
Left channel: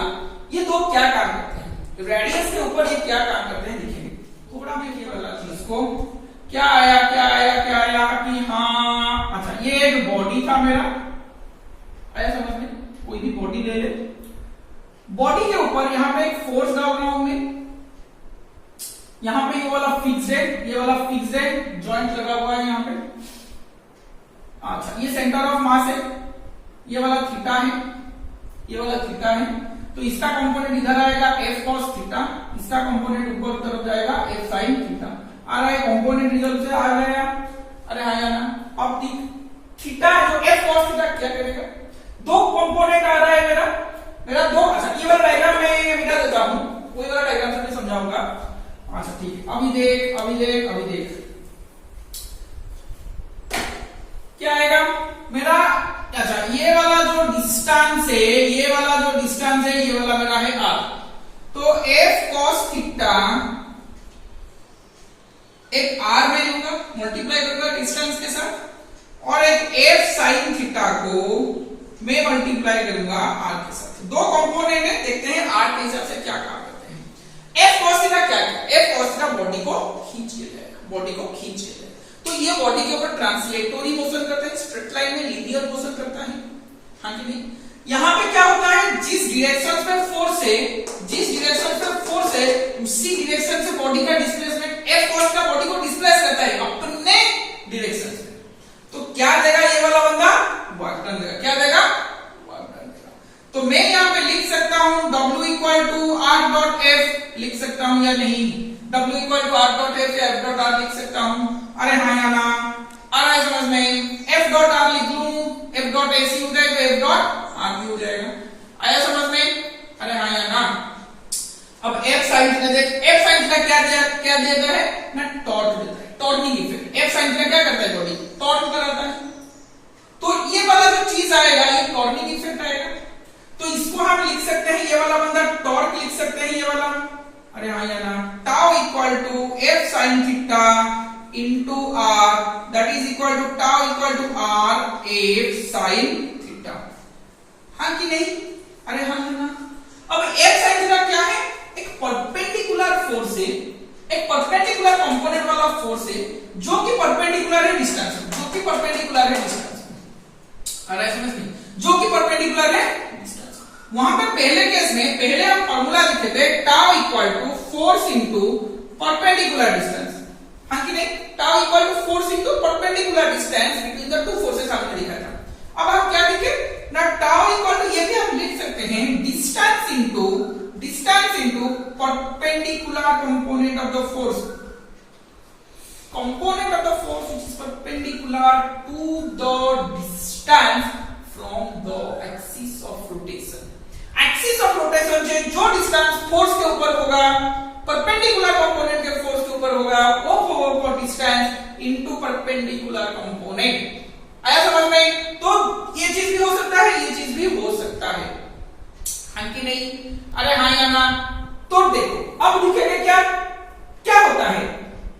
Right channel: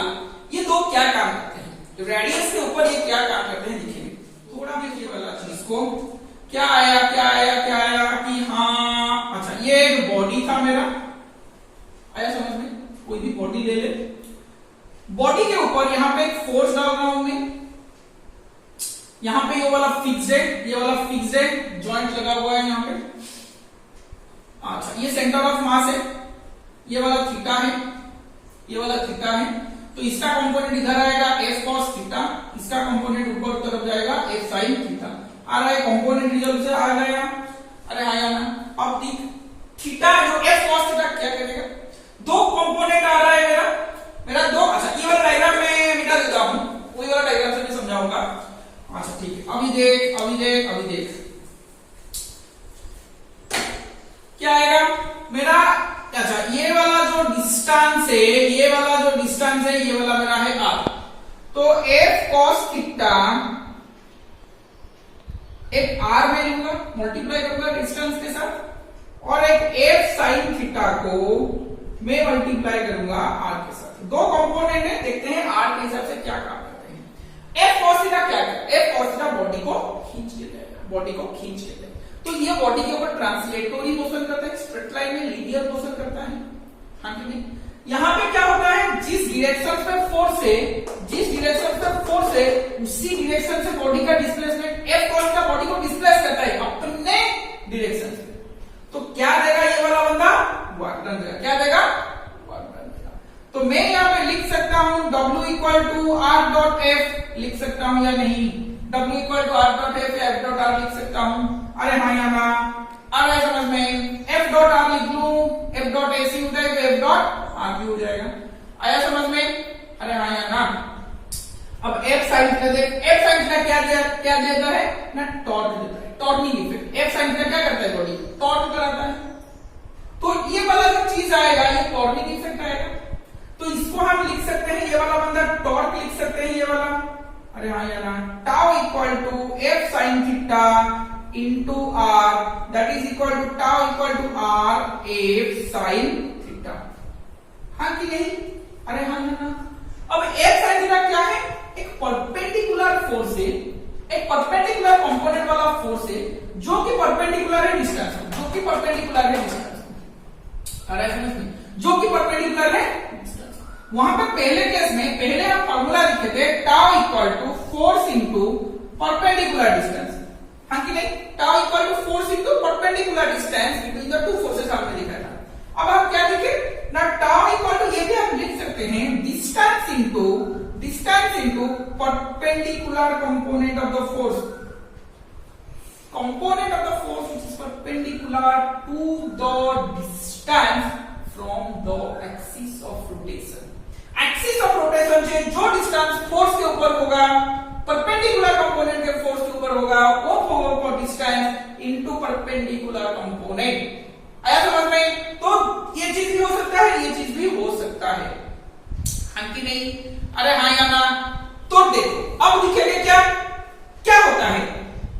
ये दो क्या काम करते हैं? रेडियस के ऊपर ये क्या काम करते हैं देखेंगे। थोड़ा देखिए वाला चीज को, क्या आया कि हाँ, अच्छा ये एक बॉडी था मेरा, आया समझ में? कोई भी बॉडी ले ले, बॉडी के ऊपर यहाँ पे एक फोर्स डाल रहा हूं मैं। यहाँ पे ये वाला फिक्स्ड है, ये वाला फिक्स्ड है, जॉइंट लगा हुआ है यहाँ पे। अच्छा ये सेंटर ऑफ मास है, ये वाला थीटा है, ये वाला थीटा है। तो इसका कंपोनेंट इधर आएगा एफ कॉस थीटा, इसका कंपोनेंट ऊपर तरफ जाएगा एफ साइन थीटा। आ रहा है कंपोनेंट रिजल्ट से आ गया। अरे हाँ या ना? अब थीटा जो एफ कॉस थीटा क्या करेगा? दो कंपोनेंट आ रहा है मेरा दो। अच्छा ये वाला डायग्राम मैं मिटा देता हूं, वही वाला डायग्राम से मैं समझाऊंगा। अच्छा ठीक है, अभी देख क्या आएगा मेरा। अच्छा ये वाला जो डिस्टेंस है, ये वाला मेरा है आर। तो एफ कॉस थीटा एक आर में लूंगा, मल्टीप्लाई करूंगा डिस्टेंस के साथ, और एक एफ साइन थीटा को मैं मल्टीप्लाई करूंगा आर के साथ। दो कंपोनेंट है, देखते हैं आर के हिसाब से क्या काम करते हैं। एफ कॉस थीटा क्या है? एफ कॉस थीटा बॉडी को खींच के जाएगा, बॉडी को खींच के जाएगा। तो ये बॉडी के ऊपर ट्रांसलेटरी मोशन करता है, स्ट्रेट लाइन में लीनियर मोशन करता है। हाँ कि नहीं? यहाँ पे क्या होता है? जिस डायरेक्शन पे फोर्स है, उसी डायरेक्शन से बॉडी का डिस्प्लेसमेंट एफ कॉस का बॉडी को डिस्प्लेस करता है अपने डायरेक्शन से। तो क्या देगा ये वाला बंदा? वर्क डन देगा। क्या देगा? वर्क डन देगा। तो मैं यहाँ पे लिख सकता हूं W equal to R dot F लिख सकता हूं या नहीं? W equal to R dot F या एफ डॉट आर लिख सकता हूं? अरे हाँ या ना? आ रहा है समझ में? एफ डॉट आर लिख लूं, एफ डॉट एसी हो जाएगा, एफ डॉट आर भी हो जाएगा। आया समझ में? अरे हाँ या ना? अब एफ साइन थीटा देख, एफ साइन थीटा क्या देता है ना? टॉर्क देता है, टॉर्निंग इफेक्ट। एफ साइन थीटा क्या करता है? बॉडी टॉर्क कराता है। तो ये वाला जो चीज आएगा ये टॉर्निंग इफेक्ट आएगा। तो इसको हम लिख सकते हैं, ये वाला बंदा टॉर्क लिख सकते हैं, ये वाला। अरे हाँ या ना? Tau equal to F sine theta into R, that is equal to tau equal to R F sine theta. हाँ कि नहीं? अरे हाँ या ना? अब एफ साइन थीटा क्या है? एक परपेंडिकुलर फोर्स है, एक परपेंडिकुलर कंपोनेंट वाला फोर्स है जो कि परपेंडिकुलर है डिस्टेंस, जो कि परपेंडिकुलर है डिस्टेंस। अरे समझ में? जो कि परपेंडिकुलर है डिस्टेंस। वहां पे पहले केस में पहले हम फार्मूला लिखे थे tau equal to force into perpendicular distance. हाँ कि नहीं, tau equal to force into perpendicular distance between the two forces हमने लिखा था। अब हम क्या लिखे ना, टाउ इक्वल टू, ये भी हम लिख सकते हैं distance into perpendicular component of the force, component of the force which is perpendicular to the distance from the axis of rotation। axis of rotation से जो distance force के ऊपर होगा, perpendicular component के force के ऊपर होगा, वो होगा distance into perpendicular component। आया समझ में? तो ये चीज भी हो सकता है, ये चीज भी हो सकता है, हाँ कि नहीं? अरे हाँ या ना? तो देखो अब दिखेगा क्या क्या होता है,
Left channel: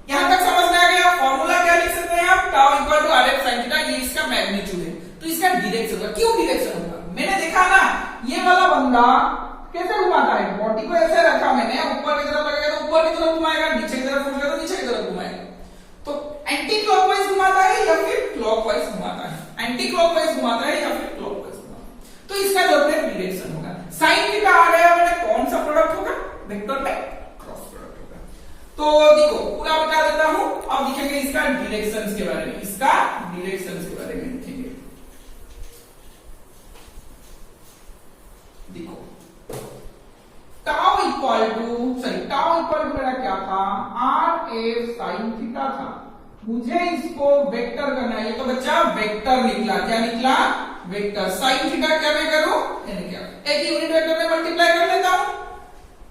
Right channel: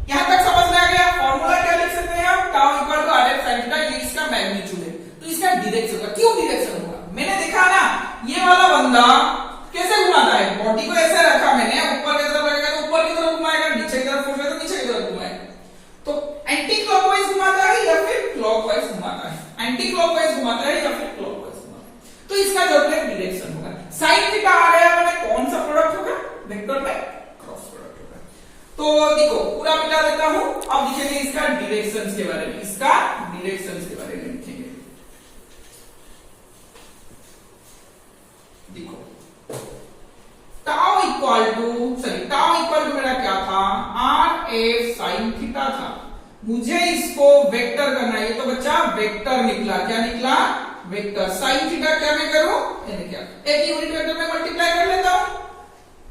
यहां तक समझ में आ गया। फॉर्मूला क्या लिख सकते हैं हम, tau equal to R F sine theta, ये इसका मैग्नीट्यूड है, तो इसका डायरेक्शन होगा। क्यों डायरेक्शन होगा? मैंने देखा ना ये वाला बंदा कैसे घुमाता है, बॉडी को ऐसे रखा मैंने, ऊपर की तरफ लगेगा तो ऊपर की तरफ घुमाएगा, नीचे की तरफ फोर्स है तो नीचे की तरफ घुमाएगा। तो एंटी क्लॉकवाइज घुमाता है या फिर क्लॉकवाइज घुमाता है, एंटी क्लॉकवाइज घुमाता है या फिर क्लॉकवाइज घुमाता है, तो इसका जो है डायरेक्शन होगा। साइन थीटा आ गया, मैंने कौन सा प्रोडक्ट होगा, वेक्टर बाय क्रॉस प्रोडक्ट होगा। तो देखो पूरा मिटा देता हूं, अब लिखेंगे इसका डायरेक्शंस के बारे में, इसका डायरेक्शंस के बारे में लिखेंगे। देखो टाउ इक्वल टू मेरा क्या था, आर एफ साइन थीटा था, मुझे इसको वेक्टर करना है, ये तो बच्चा वेक्टर निकला, क्या निकला, वेक्टर। साइन थीटा क्या मैं करूं, क्या एक यूनिट वेक्टर में मल्टीप्लाई कर लेता हूं,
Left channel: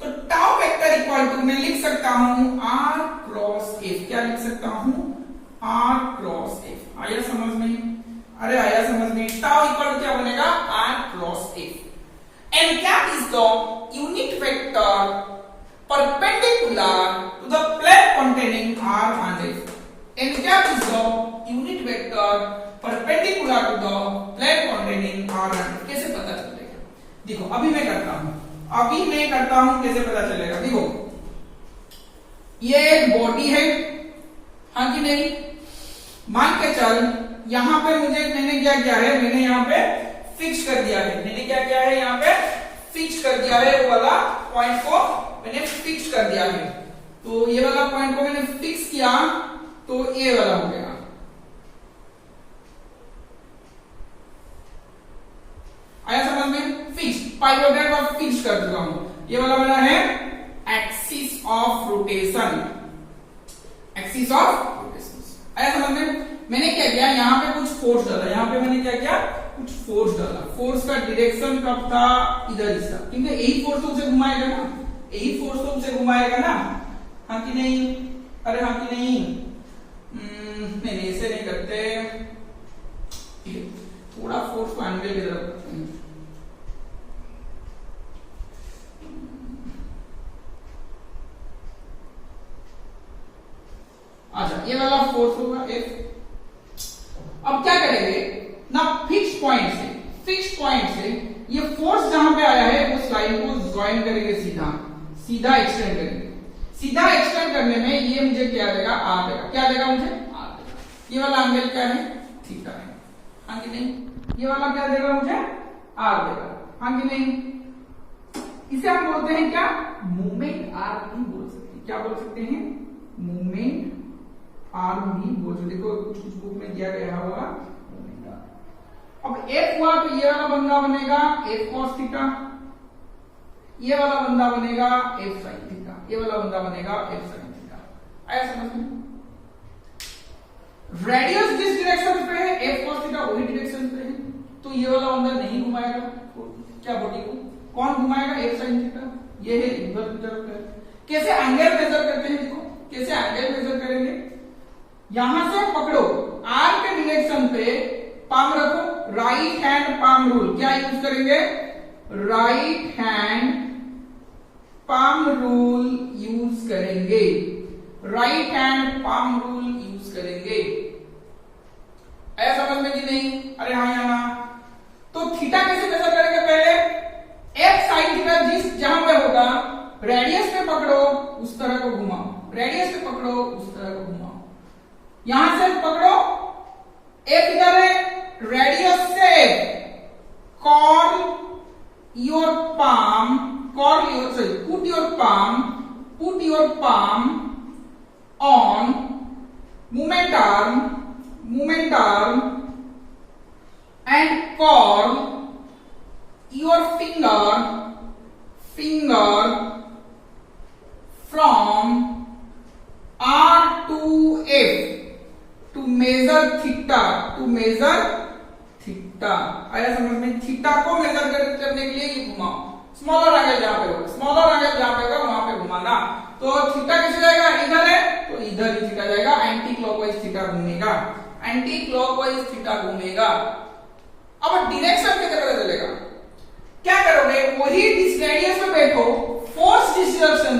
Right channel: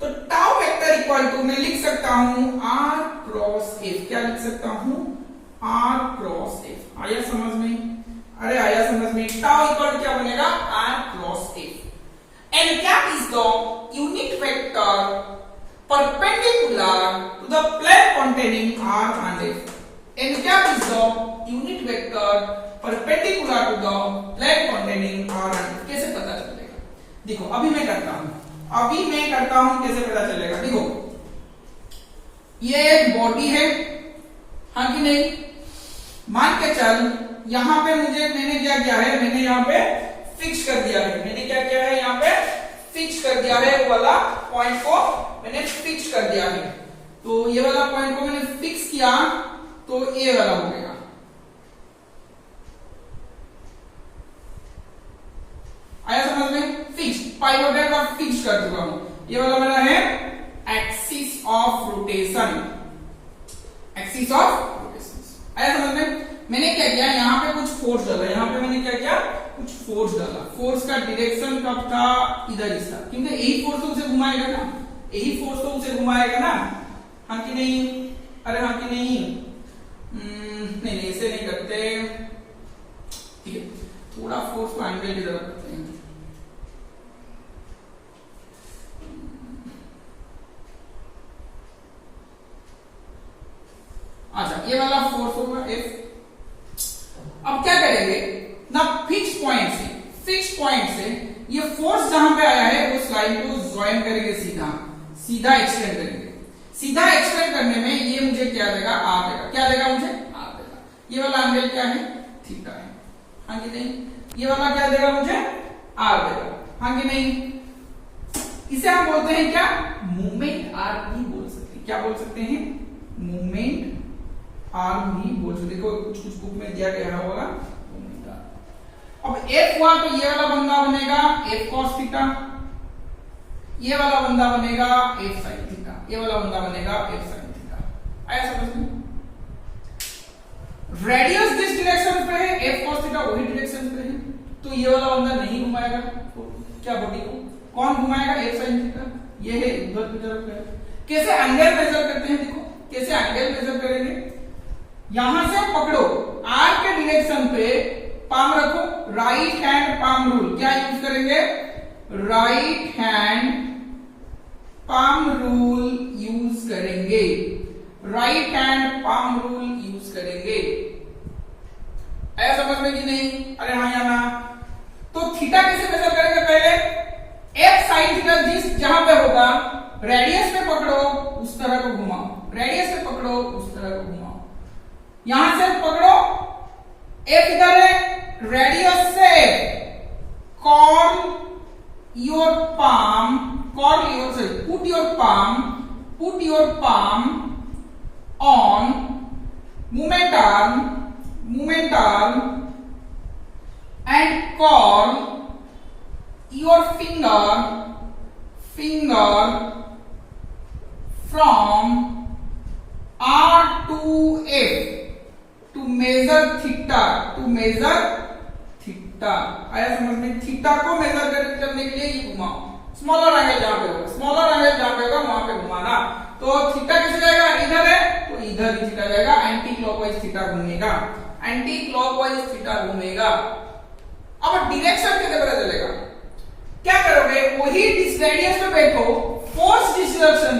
तो टाउ वेक्टर इक्वल टू मैं लिख सकता हूं आर क्रॉस एफ, क्या लिख सकता हूं, आर क्रॉस एफ। आया समझ में? अरे आया समझ में? टाउ इक्वल टू क्या बनेगा, R cross F, and that is the unit vector perpendicular to the plane containing R and F, and that is the unit vector perpendicular to the plane containing R and F। कैसे पता चलेगा? देखो अभी मैं करता हूं कैसे पता चलेगा। देखो ये एक बॉडी है, हाँ कि नहीं? मान के चल यहां पे मैंने क्या किया है, मैंने यहां पे फिक्स कर दिया है, मैंने क्या किया है, यहां पे फिक्स कर दिया है, वो वाला पॉइंट को मैंने फिक्स कर दिया है। तो ये वाला पॉइंट को मैंने फिक्स किया तो ये वाला हो गया, आया समझ में? फिक्स पाइवोट का फिक्स कर चुका हूं, ये वाला मेरा है axis of rotation, axis of rotation. आया समझ में? मैंने क्या किया, यहां पे कुछ फोर्स डाला, यहां पे मैंने क्या किया, कुछ फोर्स डाला, फोर्स का डायरेक्शन कब था, इधर ही था, क्योंकि यही फोर्स तो उसे घुमाएगा ना, यही फोर्स तो उसे घुमाएगा ना, हाँ कि नहीं? अरे हाँ कि नहीं? नहीं ऐसे नहीं करते, ठीक है, थोड़ा फोर्स को एंगल की तरफ करते हैं। अच्छा ये वाला फोर्स होगा एफ। अब क्या करेंगे ना, फिक्स पॉइंट से ये फोर्स जहां पे आया है उस लाइन को ज्वाइन करेंगे, सीधा एक्सटेंड करेंगे। सीधा एक्सटेंड करने में ये मुझे क्या देगा, आर देगा, क्या देगा मुझे, आर देगा। ये वाला एंगल क्या है, थीटा है, हाँ कि नहीं? ये वाला क्या देगा मुझे, आर देगा, हाँ कि नहीं? इसे हम बोलते हैं क्या, मूवमेंट आर भी बोल सकते हैं, क्या बोल सकते हैं, मूवमेंट आर भी बोल सकते। देखो कुछ बुक में दिया गया होगा मूवमेंट आर। अब एफ हुआ तो ये वाला बंदा बनेगा एफ कॉस थीटा, ये वाला बंदा बनेगा एफ साइन थीटा, ये वाला बंदा बनेगा एफ साइन थीटा। आया समझ में? रेडियस जिस डायरेक्शन पे है एफ कॉस थीटा वही डायरेक्शन पे है, तो ये वाला बंदा नहीं घुमाएगा, तो क्या बॉडी को कौन घुमाएगा, एफ साइन थीटा, ये है उधर की तरफ है। कैसे एंगल मेजर करते हैं, देखो कैसे एंगल मेजर करेंगे, यहां से पकड़ो, आर के डायरेक्शन पे पाम रखो, राइट हैंड पाम रूल, क्या यूज करेंगे, right hand palm rule use करेंगे, right hand palm rule use करेंगे। आया समझ में कि नहीं? अरे हाँ या ना? तो थीटा कैसे मेजर करेंगे, पहले एफ साइन थीटा जिस जहां पे होगा, रेडियस पे पकड़ो उस तरह को घुमाओ, रेडियस पे पकड़ो उस तरह को घुमाओ, यहां से पकड़ो, एफ इधर है, रेडियस से curl your palm, put your palm on movement arm and curl your finger from R to F to measure theta, आया समझ में? थीटा को मेजर करने के लिए ये घुमाओ, स्मॉलर एंगल जहां पे होगा वहां पे घुमाना। तो थीटा किसे जाएगा? इधर है तो इधर ही थीटा जाएगा, एंटी क्लॉकवाइज थीटा घूमेगा, अब डायरेक्शन कैसे पता चलेगा? क्या करोगे? वही जिस रेडियस पे बैठो, फोर्स जिस डायरेक्शन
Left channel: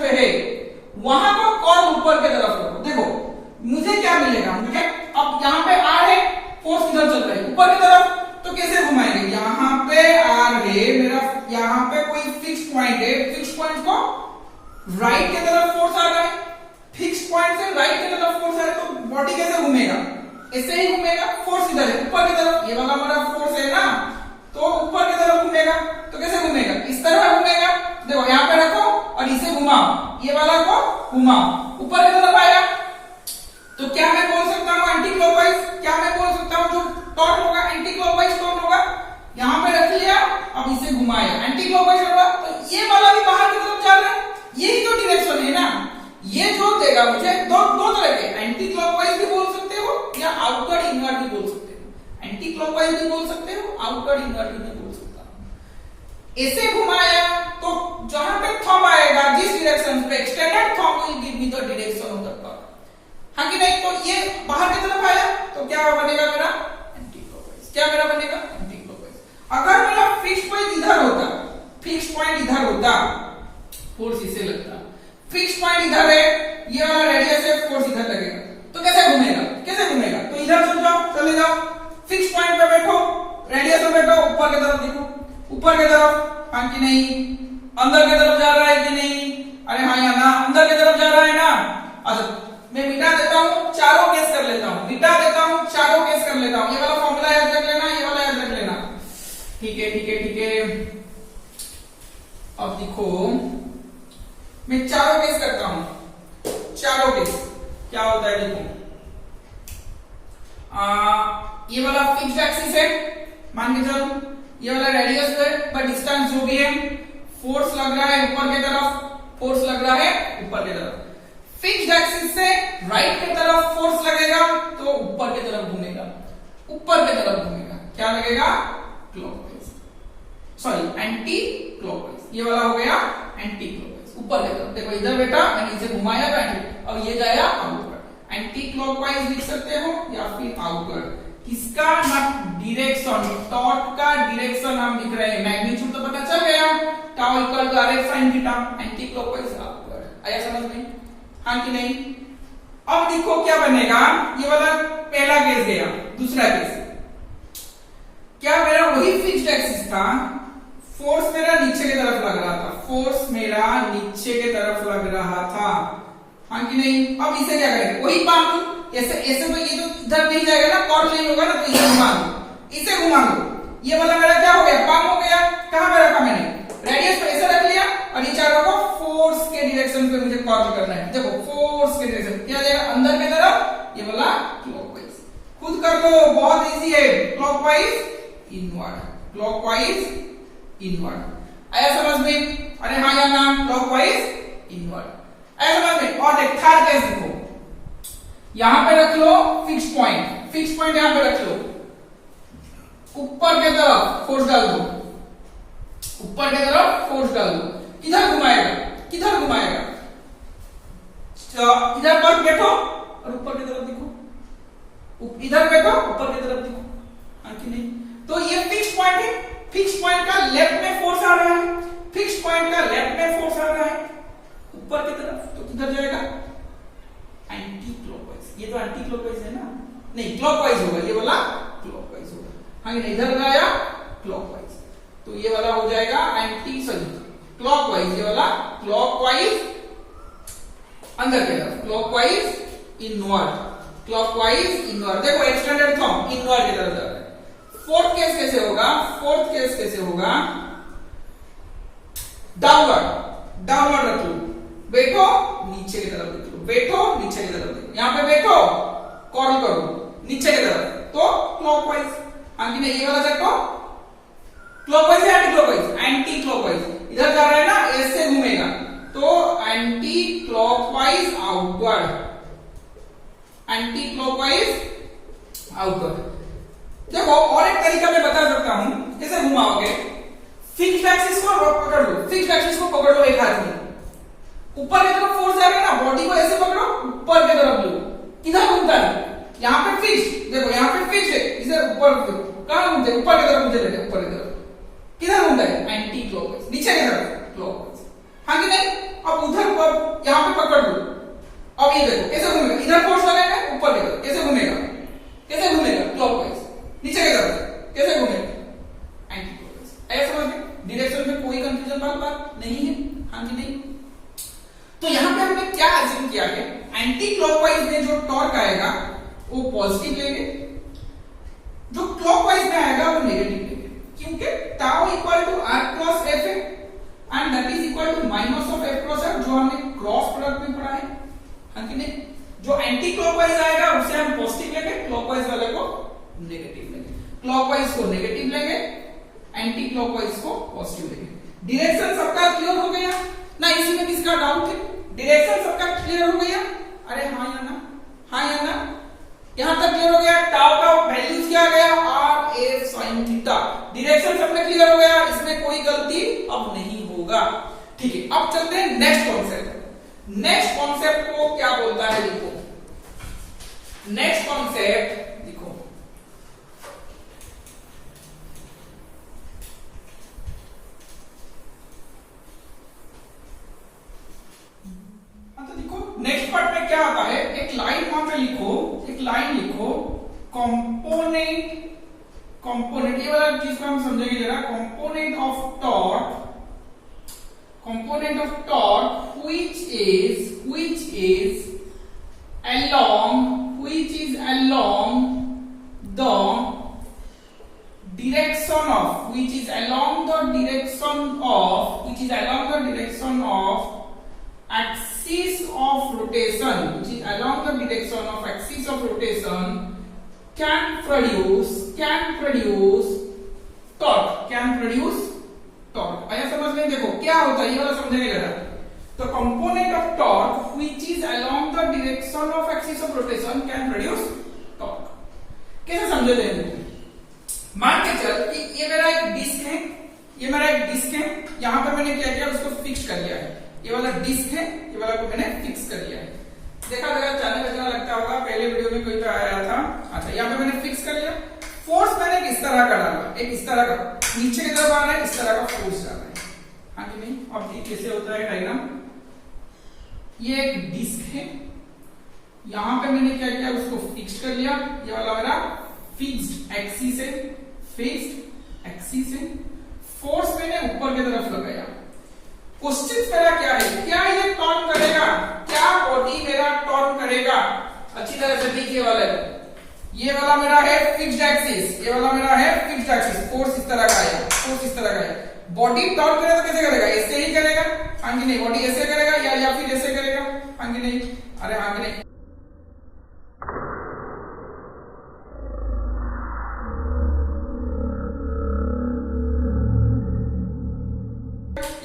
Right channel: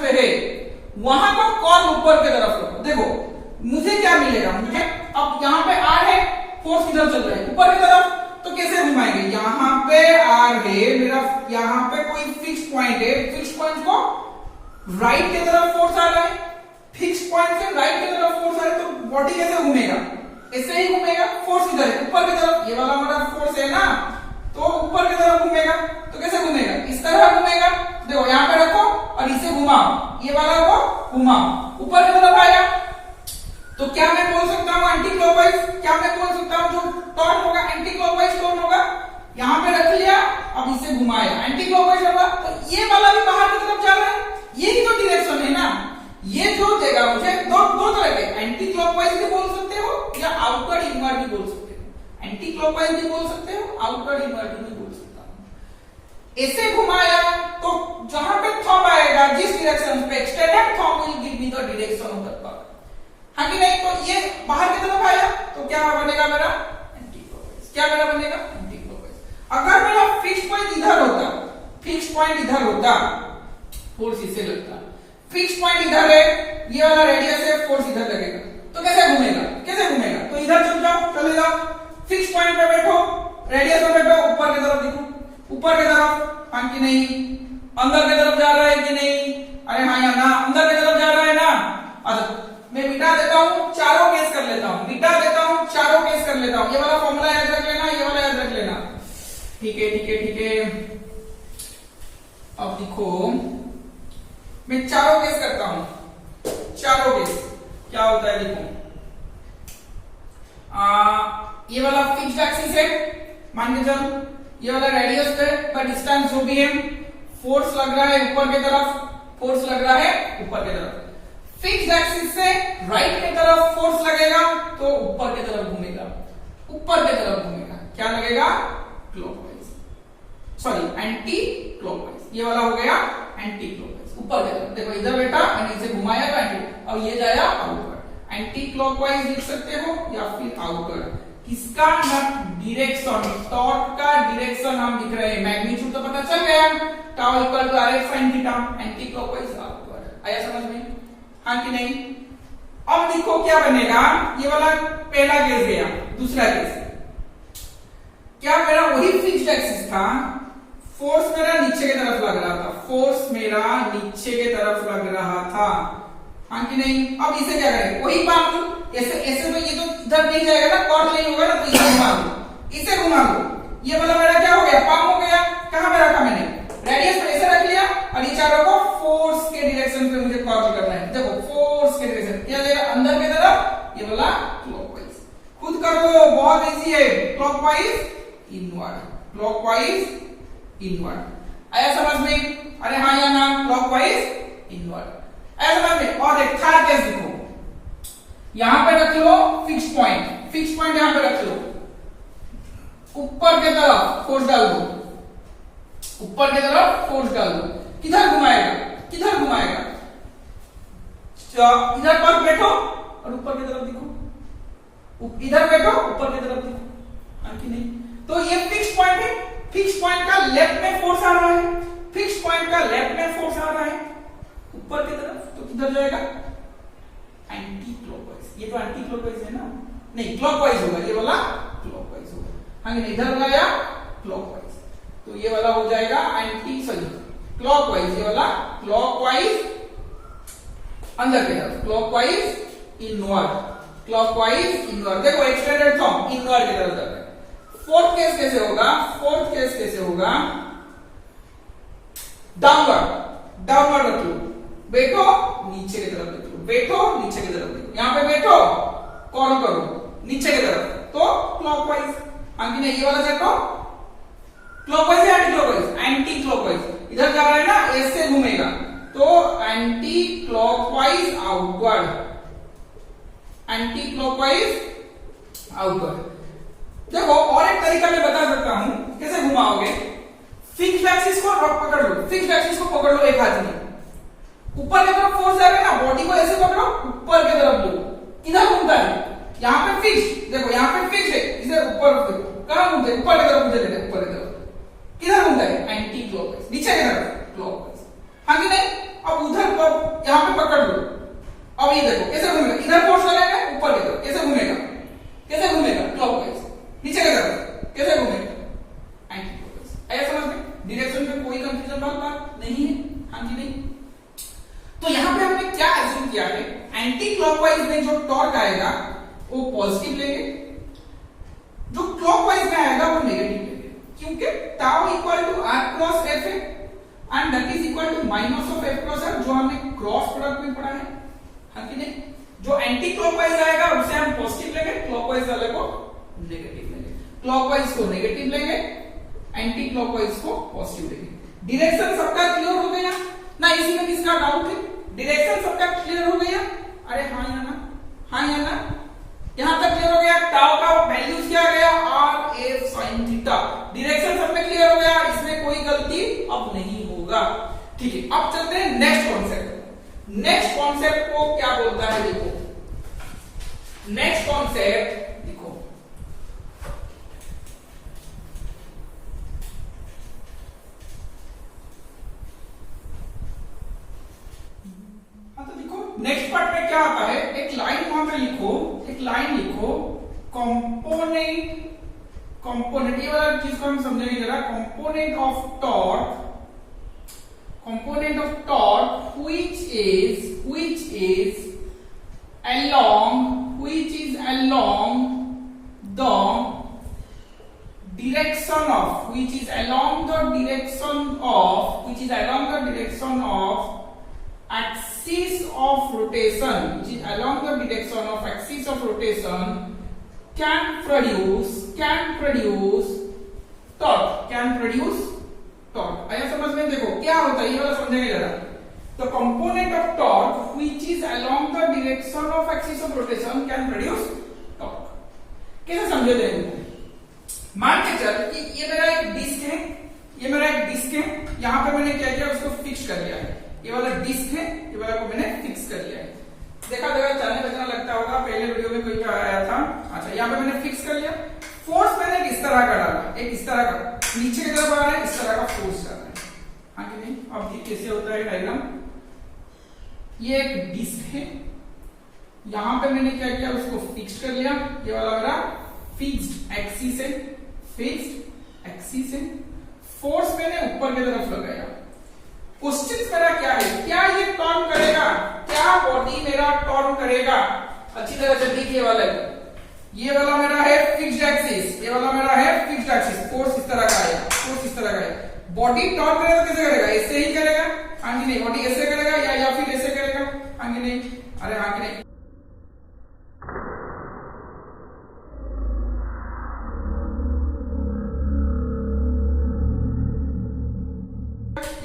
पे है वहां को कर्ल ऊपर की तरफ करो। देखो मुझे क्या मिलेगा, मुझे अब यहाँ पे आर है, फोर्स किधर चल रहा है? ऊपर की तरफ। तो कैसे घुमाएंगे? यहाँ पे आर है मेरा, यहाँ पे कोई फिक्स पॉइंट है, फिक्स पॉइंट को राइट की तरफ फोर्स आ रहा है, फिक्स पॉइंट से राइट की तरफ फोर्स आ रहा है, तो बॉडी कैसे घूमेगा? ऐसे ही घूमेगा। फोर्स किधर है? ऊपर की तरफ। ये वाला हमारा फोर्स है ना, तो ऊपर की तरफ घूमेगा। तो कैसे घूमेगा? इस तरह घूमेगा। देखो यहाँ पे रखो और इसे घुमाओ, ये वाला को घुमाओ, ऊपर की तरफ आया। तो क्या मैं बोल सकता हूँ एंटी क्लॉकवाइज? क्या मैं बोल सकता हूँ जो टर्न होगा एंटी क्लॉकवाइज टर्न होगा? यहाँ पे रख लिया, अब इसे घुमाया, एंटी क्लॉकवाइज होगा। तो ये वाला भी बाहर की तरफ जा रहा है, यही तो डायरेक्शन है ना। ये जो देगा मुझे दो तरह के, एंटी क्लॉकवाइज भी बोल सकते हो या आउटवर्ड इनवर्ड भी बोल सकते हो। एंटी क्लॉकवाइज भी बोल सकते हो, आउटवर्ड इनवर्ड भी बोल सकता हूं। ऐसे घुमाया तो जहां पे थंब आएगा, जिस डायरेक्शन पे extended thumb will give me the direction of the curve. हां कि नहीं? तो ये बाहर की तरफ आया तो क्या बनेगा मेरा? Anti clockwise. क्या मेरा बनेगा? Anti clockwise. अगर मेरा फिक्स पॉइंट इधर होता, फोर्स इसे लगता, फिक्स पॉइंट इधर है, ये वाला रेडियस है, फोर्स इधर लगेगा, तो कैसे घूमेगा? तो इधर चले जाओ, फिक्स पॉइंट पे बैठो, रेडियस में बैठो, ऊपर की तरफ देखो, ऊपर की तरफ। हाँ कि नहीं? अंदर की तरफ जा रहा है कि नहीं? अरे हाँ या ना? अंदर की तरफ जा रहा है ना। अच्छा मैं मिटा देता हूँ, चारों केस कर लेता हूँ, ये वाला फॉर्मूला याद रख लेना, ये वाला याद रख लेना। ठीक है। अब देखो मैं चारों केस करता हूं, चारों केस क्या होता है? देखो ये वाला फिक्स्ड एक्सिस है, मान के चलो ये वाला रेडियस है, पर डिस्टेंस जो भी है, फोर्स लग रहा है ऊपर की तरफ, फिक्स्ड एक्सिस से राइट की तरफ फोर्स लगेगा तो ऊपर की तरफ घूमेगा, क्या लगेगा? Clockwise, sorry anti clockwise. ये वाला हो गया एंटी क्लॉकवाइज, ऊपर की तरफ। देखो इधर बेटा मैंने इसे घुमाया एंटी, अब ये जाया आउटवर्ड, एंटी क्लॉकवाइज लिख सकते हो या फिर आउटवर्ड। किसका? डायरेक्शन, टॉर्क का डायरेक्शन हम लिख रहे हैं, मैग्नीट्यूड तो पता चल गया, tau equal to R F sin theta, anticlockwise outward. आया समझ में? हाँ कि नहीं? अब देखो क्या बनेगा, ये वाला पहला केस गया, दूसरा केस क्या? मेरा वही फिक्स्ड एक्सिस था, फोर्स मेरा नीचे की तरफ लग रहा था, हाँ कि नहीं? अब इसे क्या करेंगे? वही काम, ऐसे तो ये तो इधर नहीं जाएगा ना, कर्ल नहीं होगा ना, तो इसे घुमा दो, ये वाला मेरा क्या हो गया? पाम हो गया। कहां पे रखा मैंने? रेडियस पे ऐसे रख लिया, और ये चारों को फोर्स के डायरेक्शन पे मुझे कर्ल करना है। देखो फोर्स के डायरेक्शन क्या जाएगा? अंदर की तरफ, ये वाला क्लॉकवाइज। खुद कर दो, बहुत इजी है, क्लॉकवाइज इनवर्ड। आया समझ में? अरे हाँ या ना? क्लॉकवाइज इनवर्ड आया समझ में? और देख थर्ड केस देखो, यहां पे रख लो फिक्स पॉइंट यहां पे रख लो, ऊपर की तरफ फोर्स डाल दो, किधर घुमाएगा? इधर पर बैठो और ऊपर की तरफ देखो, इधर बैठो ऊपर की तरफ देखो, हाँ कि नहीं? तो ये फिक्स पॉइंट है, फिक्स पॉइंट का लेफ्ट में फोर्स आ रहा है, ऊपर की तरफ, तो किधर जाएगा? Anti clockwise. ये तो एंटी क्लॉकवाइज है ना? नहीं, क्लॉकवाइज होगा, ये वाला क्लॉकवाइज होगा, हाँ कि नहीं? इधर गया क्लॉकवाइज, तो ये वाला हो जाएगा क्लॉकवाइज, ये वाला क्लॉकवाइज अंदर की तरफ, क्लॉकवाइज इनवर्ड। देखो एक्सटेंडेड थंब इनवर्ड की तरफ जाता है। फोर्थ केस कैसे होगा? डाउनवर्ड रख लो, बैठो नीचे की तरफ रख लो, बैठो नीचे की तरफ देखो, यहाँ पे बैठो कॉल करो नीचे की तरफ, तो क्लॉकवाइज। हाँ कि नहीं, ये वाला सेट क्लॉकवाइज या एंटी क्लॉकवाइज? Anti clockwise. इधर जा रहा है ना, ऐसे घूमेगा तो anti clockwise outward, anti clockwise outward. देखो और एक तरीका मैं बता सकता हूं कैसे घुमाओगे। फिक्स्ड एक्सिस को पकड़ लो, फिक्स्ड एक्सिस को पकड़ लो एक हाथ में, ऊपर की तरफ फोर्स जा रहा है ना, बॉडी को ऐसे पकड़ो ऊपर की तरफ लो, किधर घूमता है? यहाँ पे फिक्स, देखो यहाँ पे फिक्स है, इधर ऊपर कहां घूमते? ऊपर की तरफ मुझे लगे, ऊपर की तरफ। किधर घूमता है? एंटी क्लॉकवाइज, नीचे की तरफ क्लॉकवाइज। हाँ कि नहीं? अब उधर यहाँ पे पकड़ लो, अब ये देखो कैसे घूमेगा, इधर फोर्स लगाएगा ऊपर की तरफ, कैसे घूमेगा? कैसे घूमेगा? क्लॉकवाइज। नीचे की तरफ कैसे घूमेगा? Anti clockwise. ऐसा समझ में? डायरेक्शन में कोई कंफ्यूजन बात नहीं है? हाँ कि नहीं? तो यहां पे हमने क्या एज्यूम किया है, एंटी क्लॉकवाइज में जो टॉर्क आएगा वो पॉजिटिव लेंगे, जो क्लॉकवाइज में आएगा वो नेगेटिव लेंगे, क्योंकि tau equal to R cross F है and that is equal to minus of F cross F, जो हमने क्रॉस प्रोडक्ट में पढ़ा है। हाँ कि नहीं? जो एंटी क्लॉकवाइज आएगा उसे हम पॉजिटिव लेंगे, क्लॉकवाइज वाले को नेगेटिव लेंगे, क्लॉकवाइज को नेगेटिव लेंगे, एंटी क्लॉकवाइज को पॉजिटिव लेंगे। डायरेक्शन सबका क्लियर हो गया ना? इसमें किसका डाउट है? डायरेक्शन सबका क्लियर हो गया? अरे हाँ या ना? हाँ या ना? यहां तक क्लियर हो गया? टाउ का वैल्यू क्या आ गया? R A sine theta. Direction सब में क्लियर हो गया, इसमें कोई गलती अब नहीं होगा। ठीक है, अब चलते हैं नेक्स्ट कॉन्सेप्ट। नेक्स्ट कॉन्सेप्ट को क्या बोलता है देखो, नेक्स्ट कॉन्सेप्ट देखो, तो देखो नेक्स्ट पार्ट में क्या आता है, एक लाइन वहां पे लिखो, एक लाइन लिखो, कंपोनेंट, कंपोनेंट ये वाला चीज को हम समझेंगे जरा। Component of torque, component of torque which is along the direction of, which is along the direction of axis of rotation, which is along the direction of axis of rotation, can produce torque। आया समझ में? देखो क्या होता है ये वाला समझेंगे जरा। तो component of torque which is along the direction of axis of rotation can produce torque. कैसे समझो देखो, मान के चल कि ये मेरा एक डिस्क है, ये मेरा एक डिस्क है, यहां पे मैंने क्या किया, उसको फिक्स कर लिया है। ये वाला डिस्क है, ये वाला को मैंने फिक्स कर लिया है। देखा चलने बचना लगता होगा, पहले वीडियो में कोई आया था। अच्छा, यहाँ पे मैंने फिक्स कर लिया। फोर्स मैंने इस तरह का डाला, एक इस तरह का नीचे की तरफ आ रहा है, इस तरह का फोर्स डाल रहा है। हाँ कि नहीं? अब ये कैसे होता है डायग्राम, ये एक डिस्क है, यहां पे मैंने क्या किया, उसको फिक्स कर लिया। ये वाला मेरा फिक्स्ड एक्सिस है, फिक्स्ड एक्सिस है। फोर्स मैंने ऊपर की तरफ लगाया। क्वेश्चन मेरा क्या है, क्या ये टर्न करेगा? क्या बॉडी मेरा टर्न करेगा? अच्छी तरह से देखिए, वाला ये वाला मेरा है फिक्स्ड एक्सिस, ये वाला मेरा है फिक्स्ड एक्सिस। फोर्स इस तरह का आएगा, फोर्स इस तरह का आएगा। बॉडी टर्न करेगा तो कैसे करेगा? ऐसे ही करेगा। हाँ कि नहीं? बॉडी ऐसे करेगा या फिर ऐसे करेगा? हाँ कि नहीं? अरे हाँ कि नहीं?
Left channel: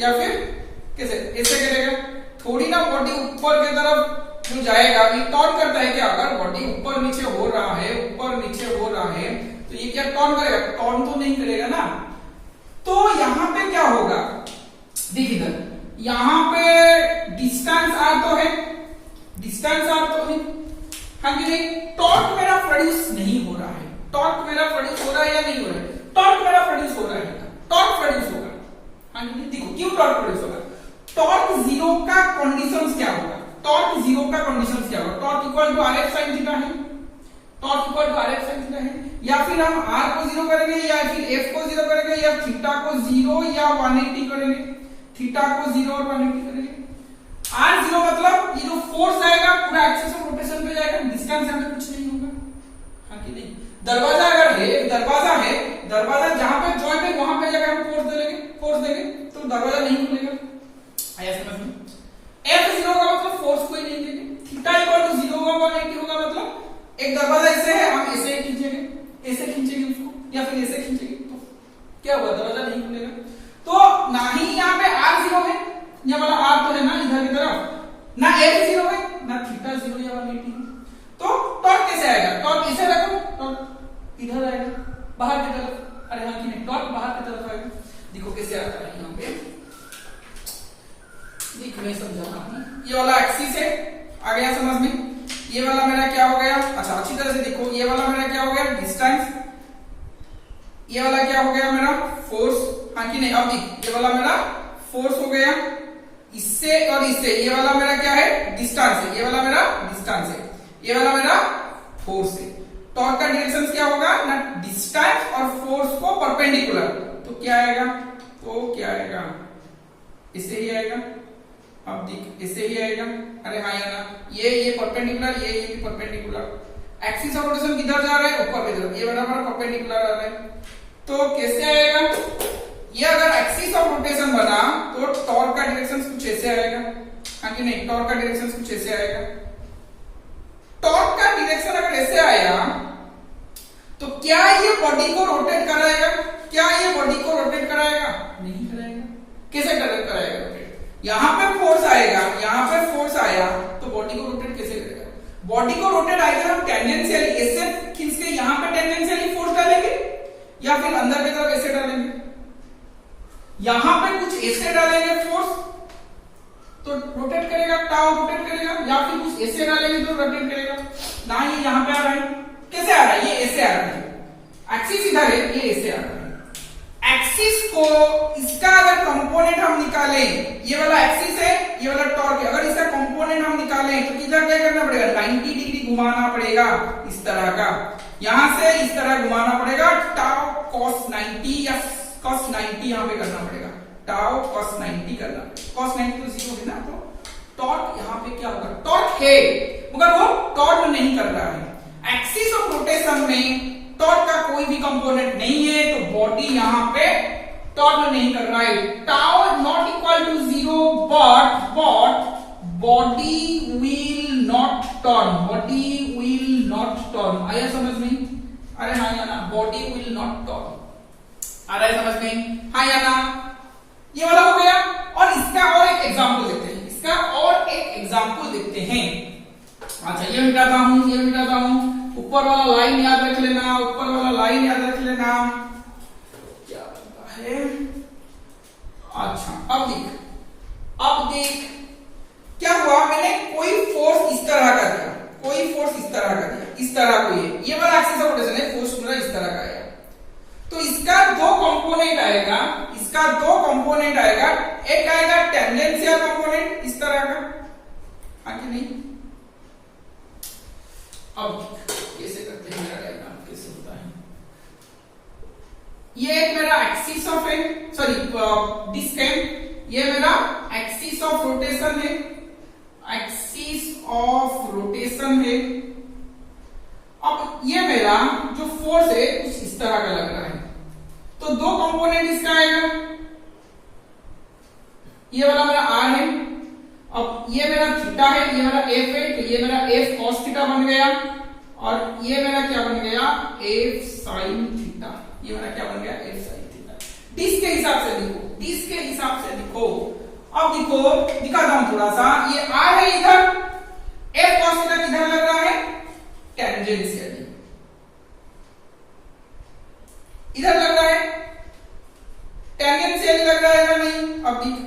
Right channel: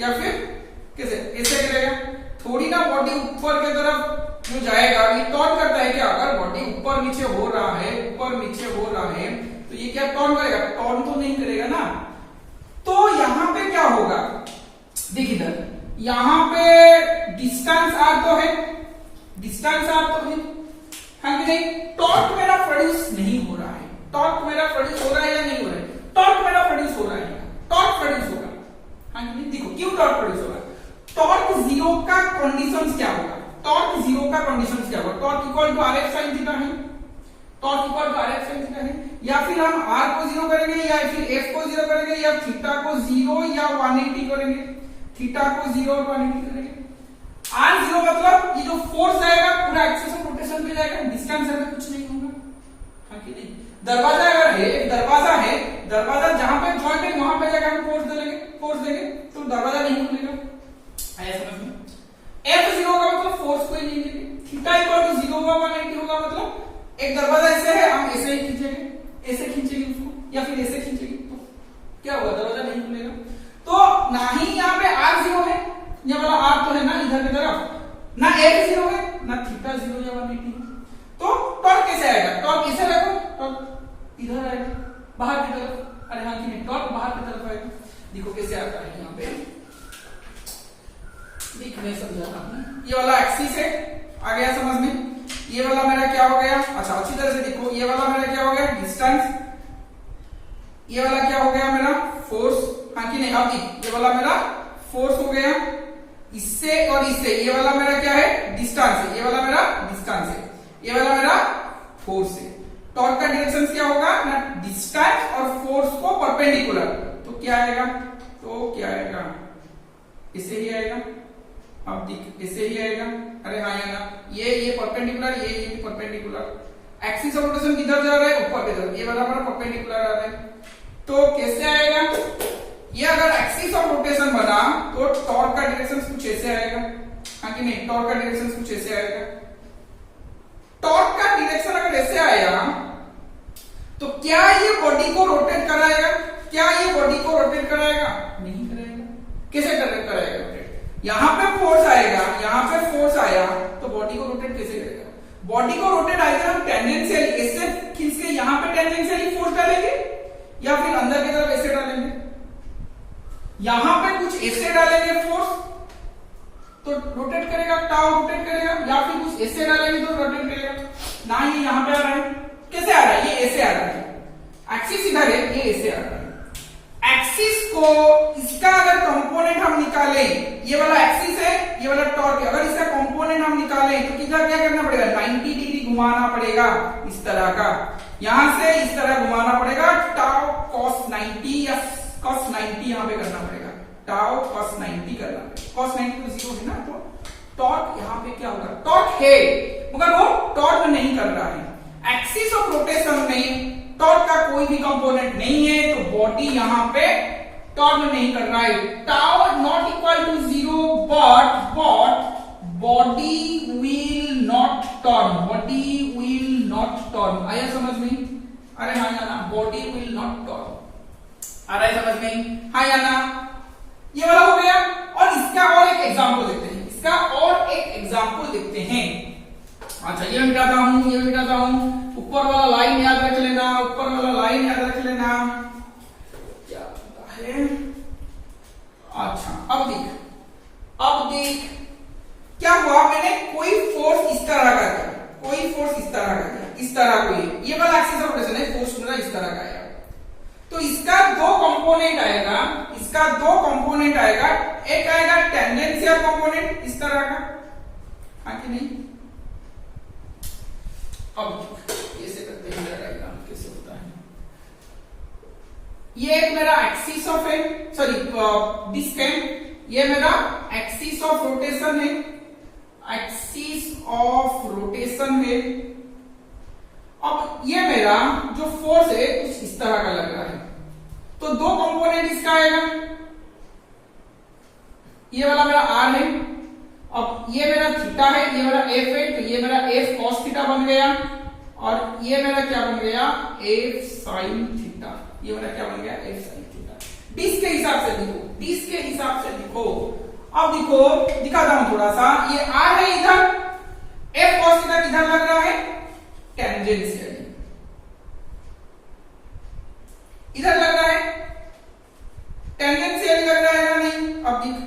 या फिर कैसे? ऐसे करेगा। थोड़ी ना बॉडी ऊपर की तरफ जो जाएगा, ये टर्न करता है क्या? अगर बॉडी ऊपर नीचे हो रहा है, ऊपर नीचे हो रहा है, तो ये क्या टर्न करेगा? टर्न तो नहीं करेगा ना। तो यहां पे क्या होगा, देखिए इधर, यहां पे डिस्टेंस आर तो है, डिस्टेंस आर तो है। हाँ कि नहीं? टॉर्क मेरा प्रोड्यूस नहीं हो रहा है। टॉर्क मेरा प्रोड्यूस हो रहा है या नहीं हो रहा है? टॉर्क मेरा प्रोड्यूस हो रहा है, टॉर्क प्रोड्यूस होगा। हाँ कि नहीं? देखो क्यों टॉर्क प्रोड्यूस होगा। टॉर्क जीरो का कंडीशंस क्या होगा? टॉर्क जीरो का कंडीशंस क्या होगा? Torque equal to R F sine theta है, torque equal to R F sine theta है। या फिर हम आर को जीरो करेंगे, या फिर एफ को जीरो करेंगे, या थीटा को जीरो या 180 करेंगे, थीटा को जीरो और 180 करेंगे। आर जीरो मतलब ये जो फोर्स आएगा पूरा एक्सिस ऑफ रोटेशन पे जाएगा, डिस्टेंस हमें कुछ नहीं होगा। हाँ कि नहीं? दरवाजा अगर है, दरवाजा है, दरवाजा जहां पे जॉइंट है वहां पे जाकर हम फोर्स देंगे तो दरवाजा नहीं खुलेगा। आया समझ में? F0 का मतलब फोर्स कोई नहीं लेंगे, होगा 180 होगा, मतलब एक दरवाजा ऐसे है, हम ऐसे खींचेंगे उसको, या फिर ऐसे खींचेंगे तो क्या होगा, दरवाजा नहीं खुलेगा। तो ना ही यहाँ पे R 0 है, ये वाला R तो है ना इधर की तरफ, ना F 0 है, ना थीटा 0 या 180 है। तो टॉर्क कैसे आएगा, टॉर्क इसे रखो, टॉर्क इधर आएगा बाहर की तरफ, अरे हाँ कि नहीं, टॉर्क बाहर की तरफ आएगा। देखो कैसे आता है यहाँ पे, देख मैं समझा रहा हूँ। ये वाला एक्सिस है, आ गया समझ में। ये वाला मेरा क्या हो गया, अच्छा अच्छी तरह से देखो, ये वाला मेरा क्या हो गया डिस्टेंस, ये वाला क्या हो गया मेरा फोर्स, हाँ कि नहीं। अब देख ये वाला मेरा फोर्स हो गया, इससे और इससे, ये वाला मेरा क्या है डिस्टेंस है, ये वाला मेरा डिस्टेंस है, ये वाला मेरा फोर्स है। टॉर्क का डायरेक्शन क्या होगा ना, डिस्टेंस और फोर्स को परपेंडिकुलर, तो क्या आएगा, तो क्या आएगा, इससे ही आएगा। अब देख इससे ही आएगा, अरे हाँ या ना, ये परपेंडिकुलर, ये भी परपेंडिकुलर। एक्सिस ऑफ रोटेशन किधर जा रहा है, ऊपर की तरफ, ये वाला हमारा परपेंडिकुलर आ रहा है। तो कैसे आएगा, ये अगर एक्सिस ऑफ रोटेशन बना तो टॉर्क का डायरेक्शन कुछ ऐसे आएगा, हाँ कि नहीं, टॉर्क का डायरेक्शन कुछ ऐसे आएगा। टॉर्क का डायरेक्शन अगर ऐसे आया तो क्या ये बॉडी को रोटेट कराएगा, क्या ये बॉडी को रोटेट कराएगा, नहीं कराएगा। कैसे कराएगा रोटेट, यहां पे फोर्स आएगा, यहां पे फोर्स आया तो बॉडी को रोटेट कैसे करेगा, बॉडी को रोटेट आएगा हम टेंजेंशियली ऐसे खींच के यहां पे टेंजेंशियली फोर्स डालेंगे, या फिर अंदर की तरफ ऐसे डालेंगे, यहां पे कुछ ऐसे डालेंगे फोर्स तो रोटेट करेगा, टाउ रोटेट करेगा, या फिर कुछ ऐसे डालेंगे तो रोटेट करेगा। ना ये यहां पे आ रहा है, कैसे आ रहा है, ये ऐसे आ रहा है, एक्सिस इधर है, ये ऐसे आ रहा है। एक्सिस को इसका अगर कंपोनेंट हम निकालें, ये वाला एक्सिस है, ये वाला टॉर्क है, अगर इसका कंपोनेंट हम निकालें तो किधर क्या करना पड़ेगा, 90 डिग्री घुमाना पड़ेगा इस तरह का, यहां से इस तरह घुमाना पड़ेगा, टाउ cos 90 या cos 90 यहां पे करना पड़ेगा, टाउ cos 90 करना, cos 90 तो 0 है ना, तो टॉर्क यहां पे क्या होगा, टॉर्क है मगर वो टॉर्क नहीं कर रहा है। एक्सिस ऑफ रोटेशन में टॉर्क का कोई भी कंपोनेंट नहीं है, तो बॉडी यहां पे टॉर्क नहीं कर रहा है। Tau not equal to 0 but body will not turn, body will not turn, आया समझ में, अरे हाँ या ना, बॉडी विल नॉट टर्न, आ रहा है समझ में, हाँ या ना। ये वाला हो गया, और इसका और एक एग्जांपल देखते हैं, इसका और एक एग्जांपल देखते हैं। अच्छा ये मिटाता हूं, ये मिटाता हूं, ऊपर वाला लाइन याद रख लेना, ऊपर वाला लाइन याद रख लेना, क्या है। अच्छा अब देख क्या हुआ, मैंने कोई फोर्स इस तरह का दिया, कोई फोर्स इस तरह का दिया, इस तरह कोई, ये वाला एक्सिस ऑफ रोटेशन है, फोर्स पूरा इस तरह का आएगा, तो इसका दो कंपोनेंट आएगा, इसका दो कंपोनेंट आएगा, एक आएगा टेंजेंशियल कंपोनेंट इस तरह का, हाँ कि नहीं। अब कैसे करते हैं, मेरा डायग्राम कैसे होता है, ये एक मेरा एक्सिस ऑफ है, सॉरी डिस्क है, ये मेरा एक्सिस ऑफ रोटेशन है, एक्सिस ऑफ रोटेशन है। अब ये मेरा जो फोर्स है कुछ इस तरह का लग रहा है, तो दो कंपोनेंट इसका आएगा, ये वाला मेरा R है, अब ये मेरा थीटा है, ये मेरा F है, तो ये मेरा F cos थीटा बन गया, और ये मेरा क्या बन गया, F sin थीटा, ये मेरा क्या बन गया, F sin थीटा। डिस्क के हिसाब से देखो, डिस्क के हिसाब से देखो, अब देखो दिखाता हूं थोड़ा सा, ये R है इधर, F cos थीटा किधर लग रहा है, टेंजेंशियली इधर लग रहा है, टेंजेंशियली लग रहा है या नहीं। अब देख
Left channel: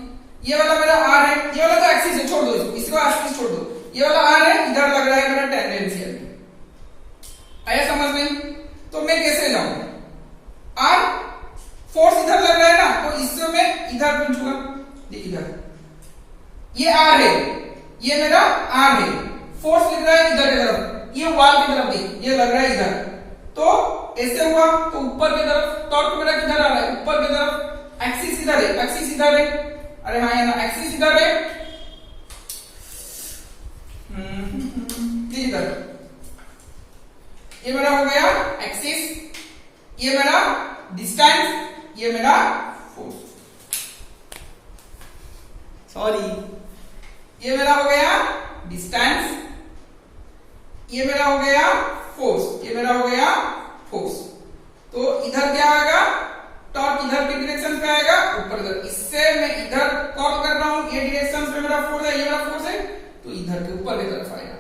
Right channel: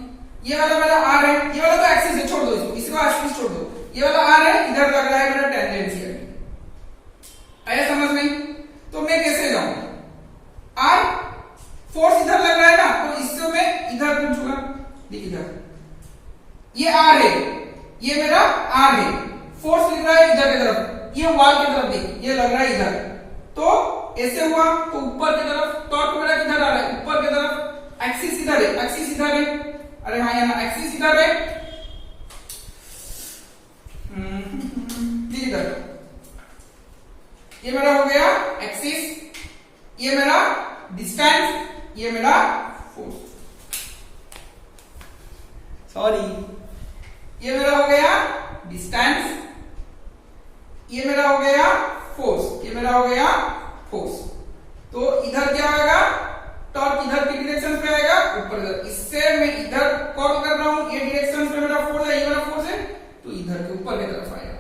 ये वाला मेरा R है, ये वाला तो एक्सिस है, छोड़ दो इसको एक्सिस छोड़ दो, ये वाला R है, इधर लग रहा है मेरा टेंजेंशियली, आया समझ में। तो मैं कैसे जाऊं, R फोर्स इधर लग रहा है ना, तो इससे मैं इधर पूछूंगा, देख इधर ये R है, ये मेरा R है, फोर्स लग रहा है इधर की तरफ, ये वॉल की तरफ, देख ये लग रहा है इधर, तो ऐसे हुआ, तो ऊपर की तरफ टॉर्क मेरा किधर आ रहा है, ऊपर की तरफ, एक्सिस इधर है, एक्सिस इधर है, अरे हाँ ना एक्सिस इधर है, इधर ये मेरा हो गया एक्सिस, ये मेरा डिस्टेंस, ये मेरा फोर्स, सॉरी ये मेरा हो गया डिस्टेंस, ये मेरा हो गया फोर्स, ये मेरा हो गया फोर्स। तो इधर क्या आएगा, टॉर्क इधर की डायरेक्शन पे आएगा, ऊपर इधर। इससे मैं इधर कॉल कर रहा हूं, ये डायरेक्शन पे मेरा फोर्स है, ये मेरा फोर्स है, तो इधर के ऊपर की तरफ आएगा।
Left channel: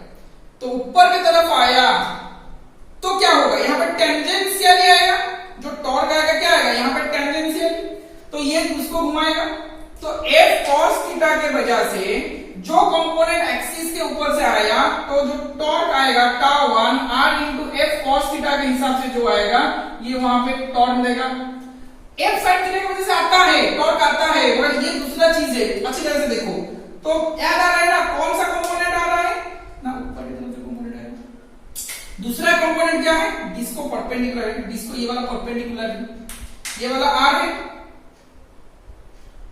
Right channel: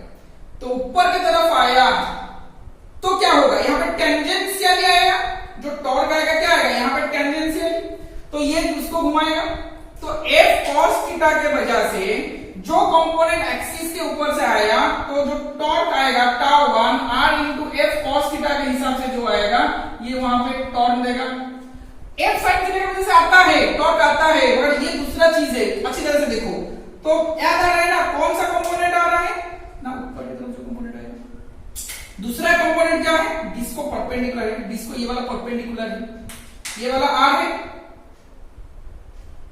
तो ऊपर की तरफ आया तो क्या होगा, यहाँ पे टेंजेंशियल आएगा, जो टॉर्क आएगा क्या आएगा यहाँ पे टेंजेंशियल, तो ये उसको घुमाएगा। तो F cos थीटा के वजह से जो कंपोनेंट एक्सिस के ऊपर से आया, तो जो टॉर्क आएगा tau 1 R into F cos theta के हिसाब से जो आएगा, ये वहां पे टॉर्क देगा। F sin थीटा की वजह से आता है, टॉर्क आता है, मगर ये दूसरा चीज है, अच्छी तरह से देखो। तो याद आ रहा है ना कौन सा कंपोनेंट आ रहा है ना, ऊपर की तरफ जो कंपोनेंट आएगा। दूसरा कंपोनेंट क्या है, डिस्क को परपेंडिकुलर है, डिस्क को ये वाला परपेंडिकुलर है, ये वाला R है,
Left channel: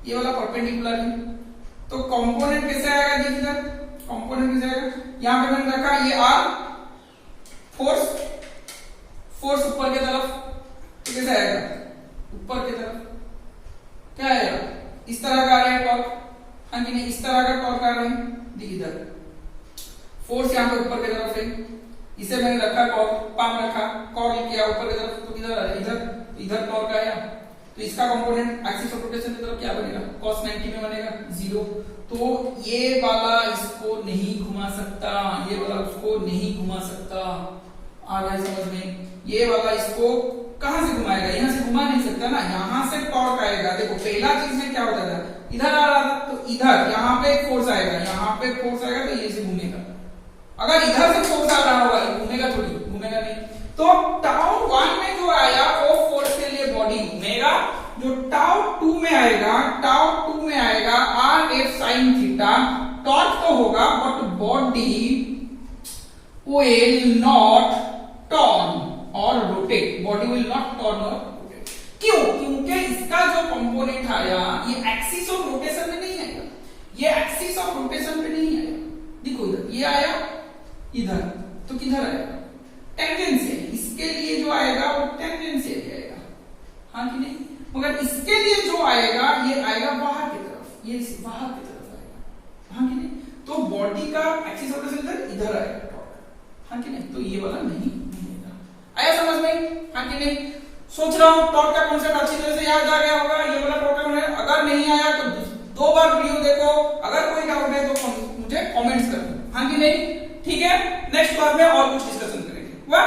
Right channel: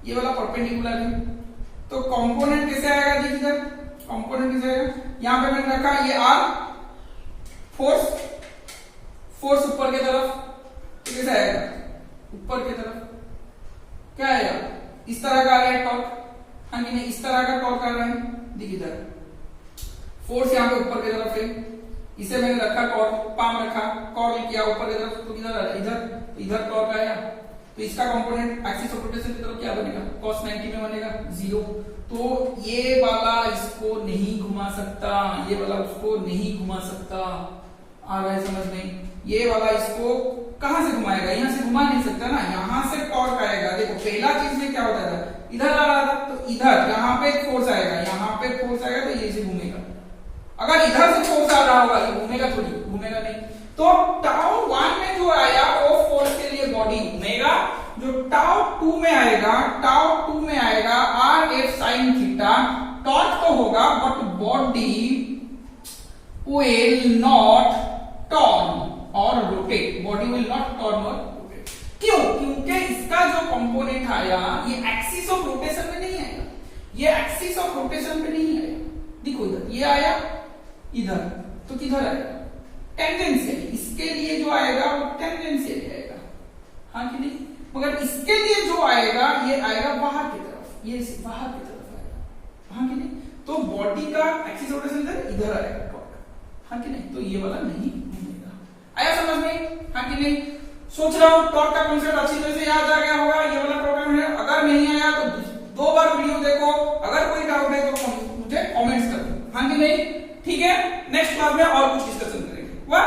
ये वाला परपेंडिकुलर है। तो कंपोनेंट कैसे आएगा, देखिए इधर कंपोनेंट कैसे आएगा, यहां पे मैंने रखा ये R, फोर्स, फोर्स ऊपर की तरफ, तो कैसे आएगा ऊपर की तरफ, क्या आएगा इस तरह का आ रहा है टॉर्क, हाँ कि नहीं, इस तरह का टॉर्क आ रहा है। देखिए इधर फोर्स यहाँ पे ऊपर की तरफ है, इसे मैंने रखा कॉर्क, पाम रखा, कॉर्क किया ऊपर की तरफ, तो किधर आ रहा है इधर, इधर टॉर्क आया। तो इसका कंपोनेंट एक्सिस ऑफ रोटेशन की तरफ क्या बनेगा, cos 90 में बनेगा 0। तो ये वाला इसको नहीं घुमा सकता, ये वाला उसको नहीं घुमा सकता। आ रहा है समझ में, ये वाला इसको कहां से घुमाएगा, यहां से घुमा नहीं सकता ना, यहां से टॉर्क आएगा। देखो पहला चीज में क्या होता था, इधर आ रहा था, तो इधर यहाँ पे फोर्स आएगा, यहाँ पे फोर्स आएगा, तो ये से घूमेगा। अगर इधर से फोर्स आ रहा होगा, ये घूमेगा थोड़ी, घूमेगा नहीं। तो टाउ 1 में जो आया वो फोर्स के लिए बॉडी घूमेगा, जो टाउ 2 में आएगा, टाउ 2 में आएगा R F sine theta, torque तो होगा but body will not turn or rotate, body will not turn or rotate. क्यों, क्योंकि इसका जो कंपोनेंट आया ये एक्सिस ऑफ रोटेशन में नहीं आएगा, ये एक्सिस ऑफ रोटेशन में नहीं आएगा। देखो इधर ये आया, इधर तो किधर आएगा, टेंजेंशियल, इसके लिए जो आएगा वो टेंजेंशियल आएगा, हाँ कि नहीं। मगर इसके लिए जो आएगा ये आएगा बाहर की तरफ, ये बाहर की तरफ आएगा, हाँ कि नहीं। तो बॉडी का एक्सिस ऑफ रोटेशन इधर आएगा टॉर्क, हाँ कि नहीं। तो ये वाला नहीं आएगा। आया समझ में, हाँ कि नहीं। सोच रहा हूं टॉर्क का कॉन्सेप्ट अच्छी तरह से याद आ गया होगा, ये वाला प्रॉब्लम है। अगर नहीं आया तो 2 बार वीडियो देखो, अगर कोई डाउट है तो मुझे कमेंट्स करो, हाँ कि नहीं। ठीक है, नेक्स्ट क्लास में और कुछ डिस्कशन करेंगे। वाह।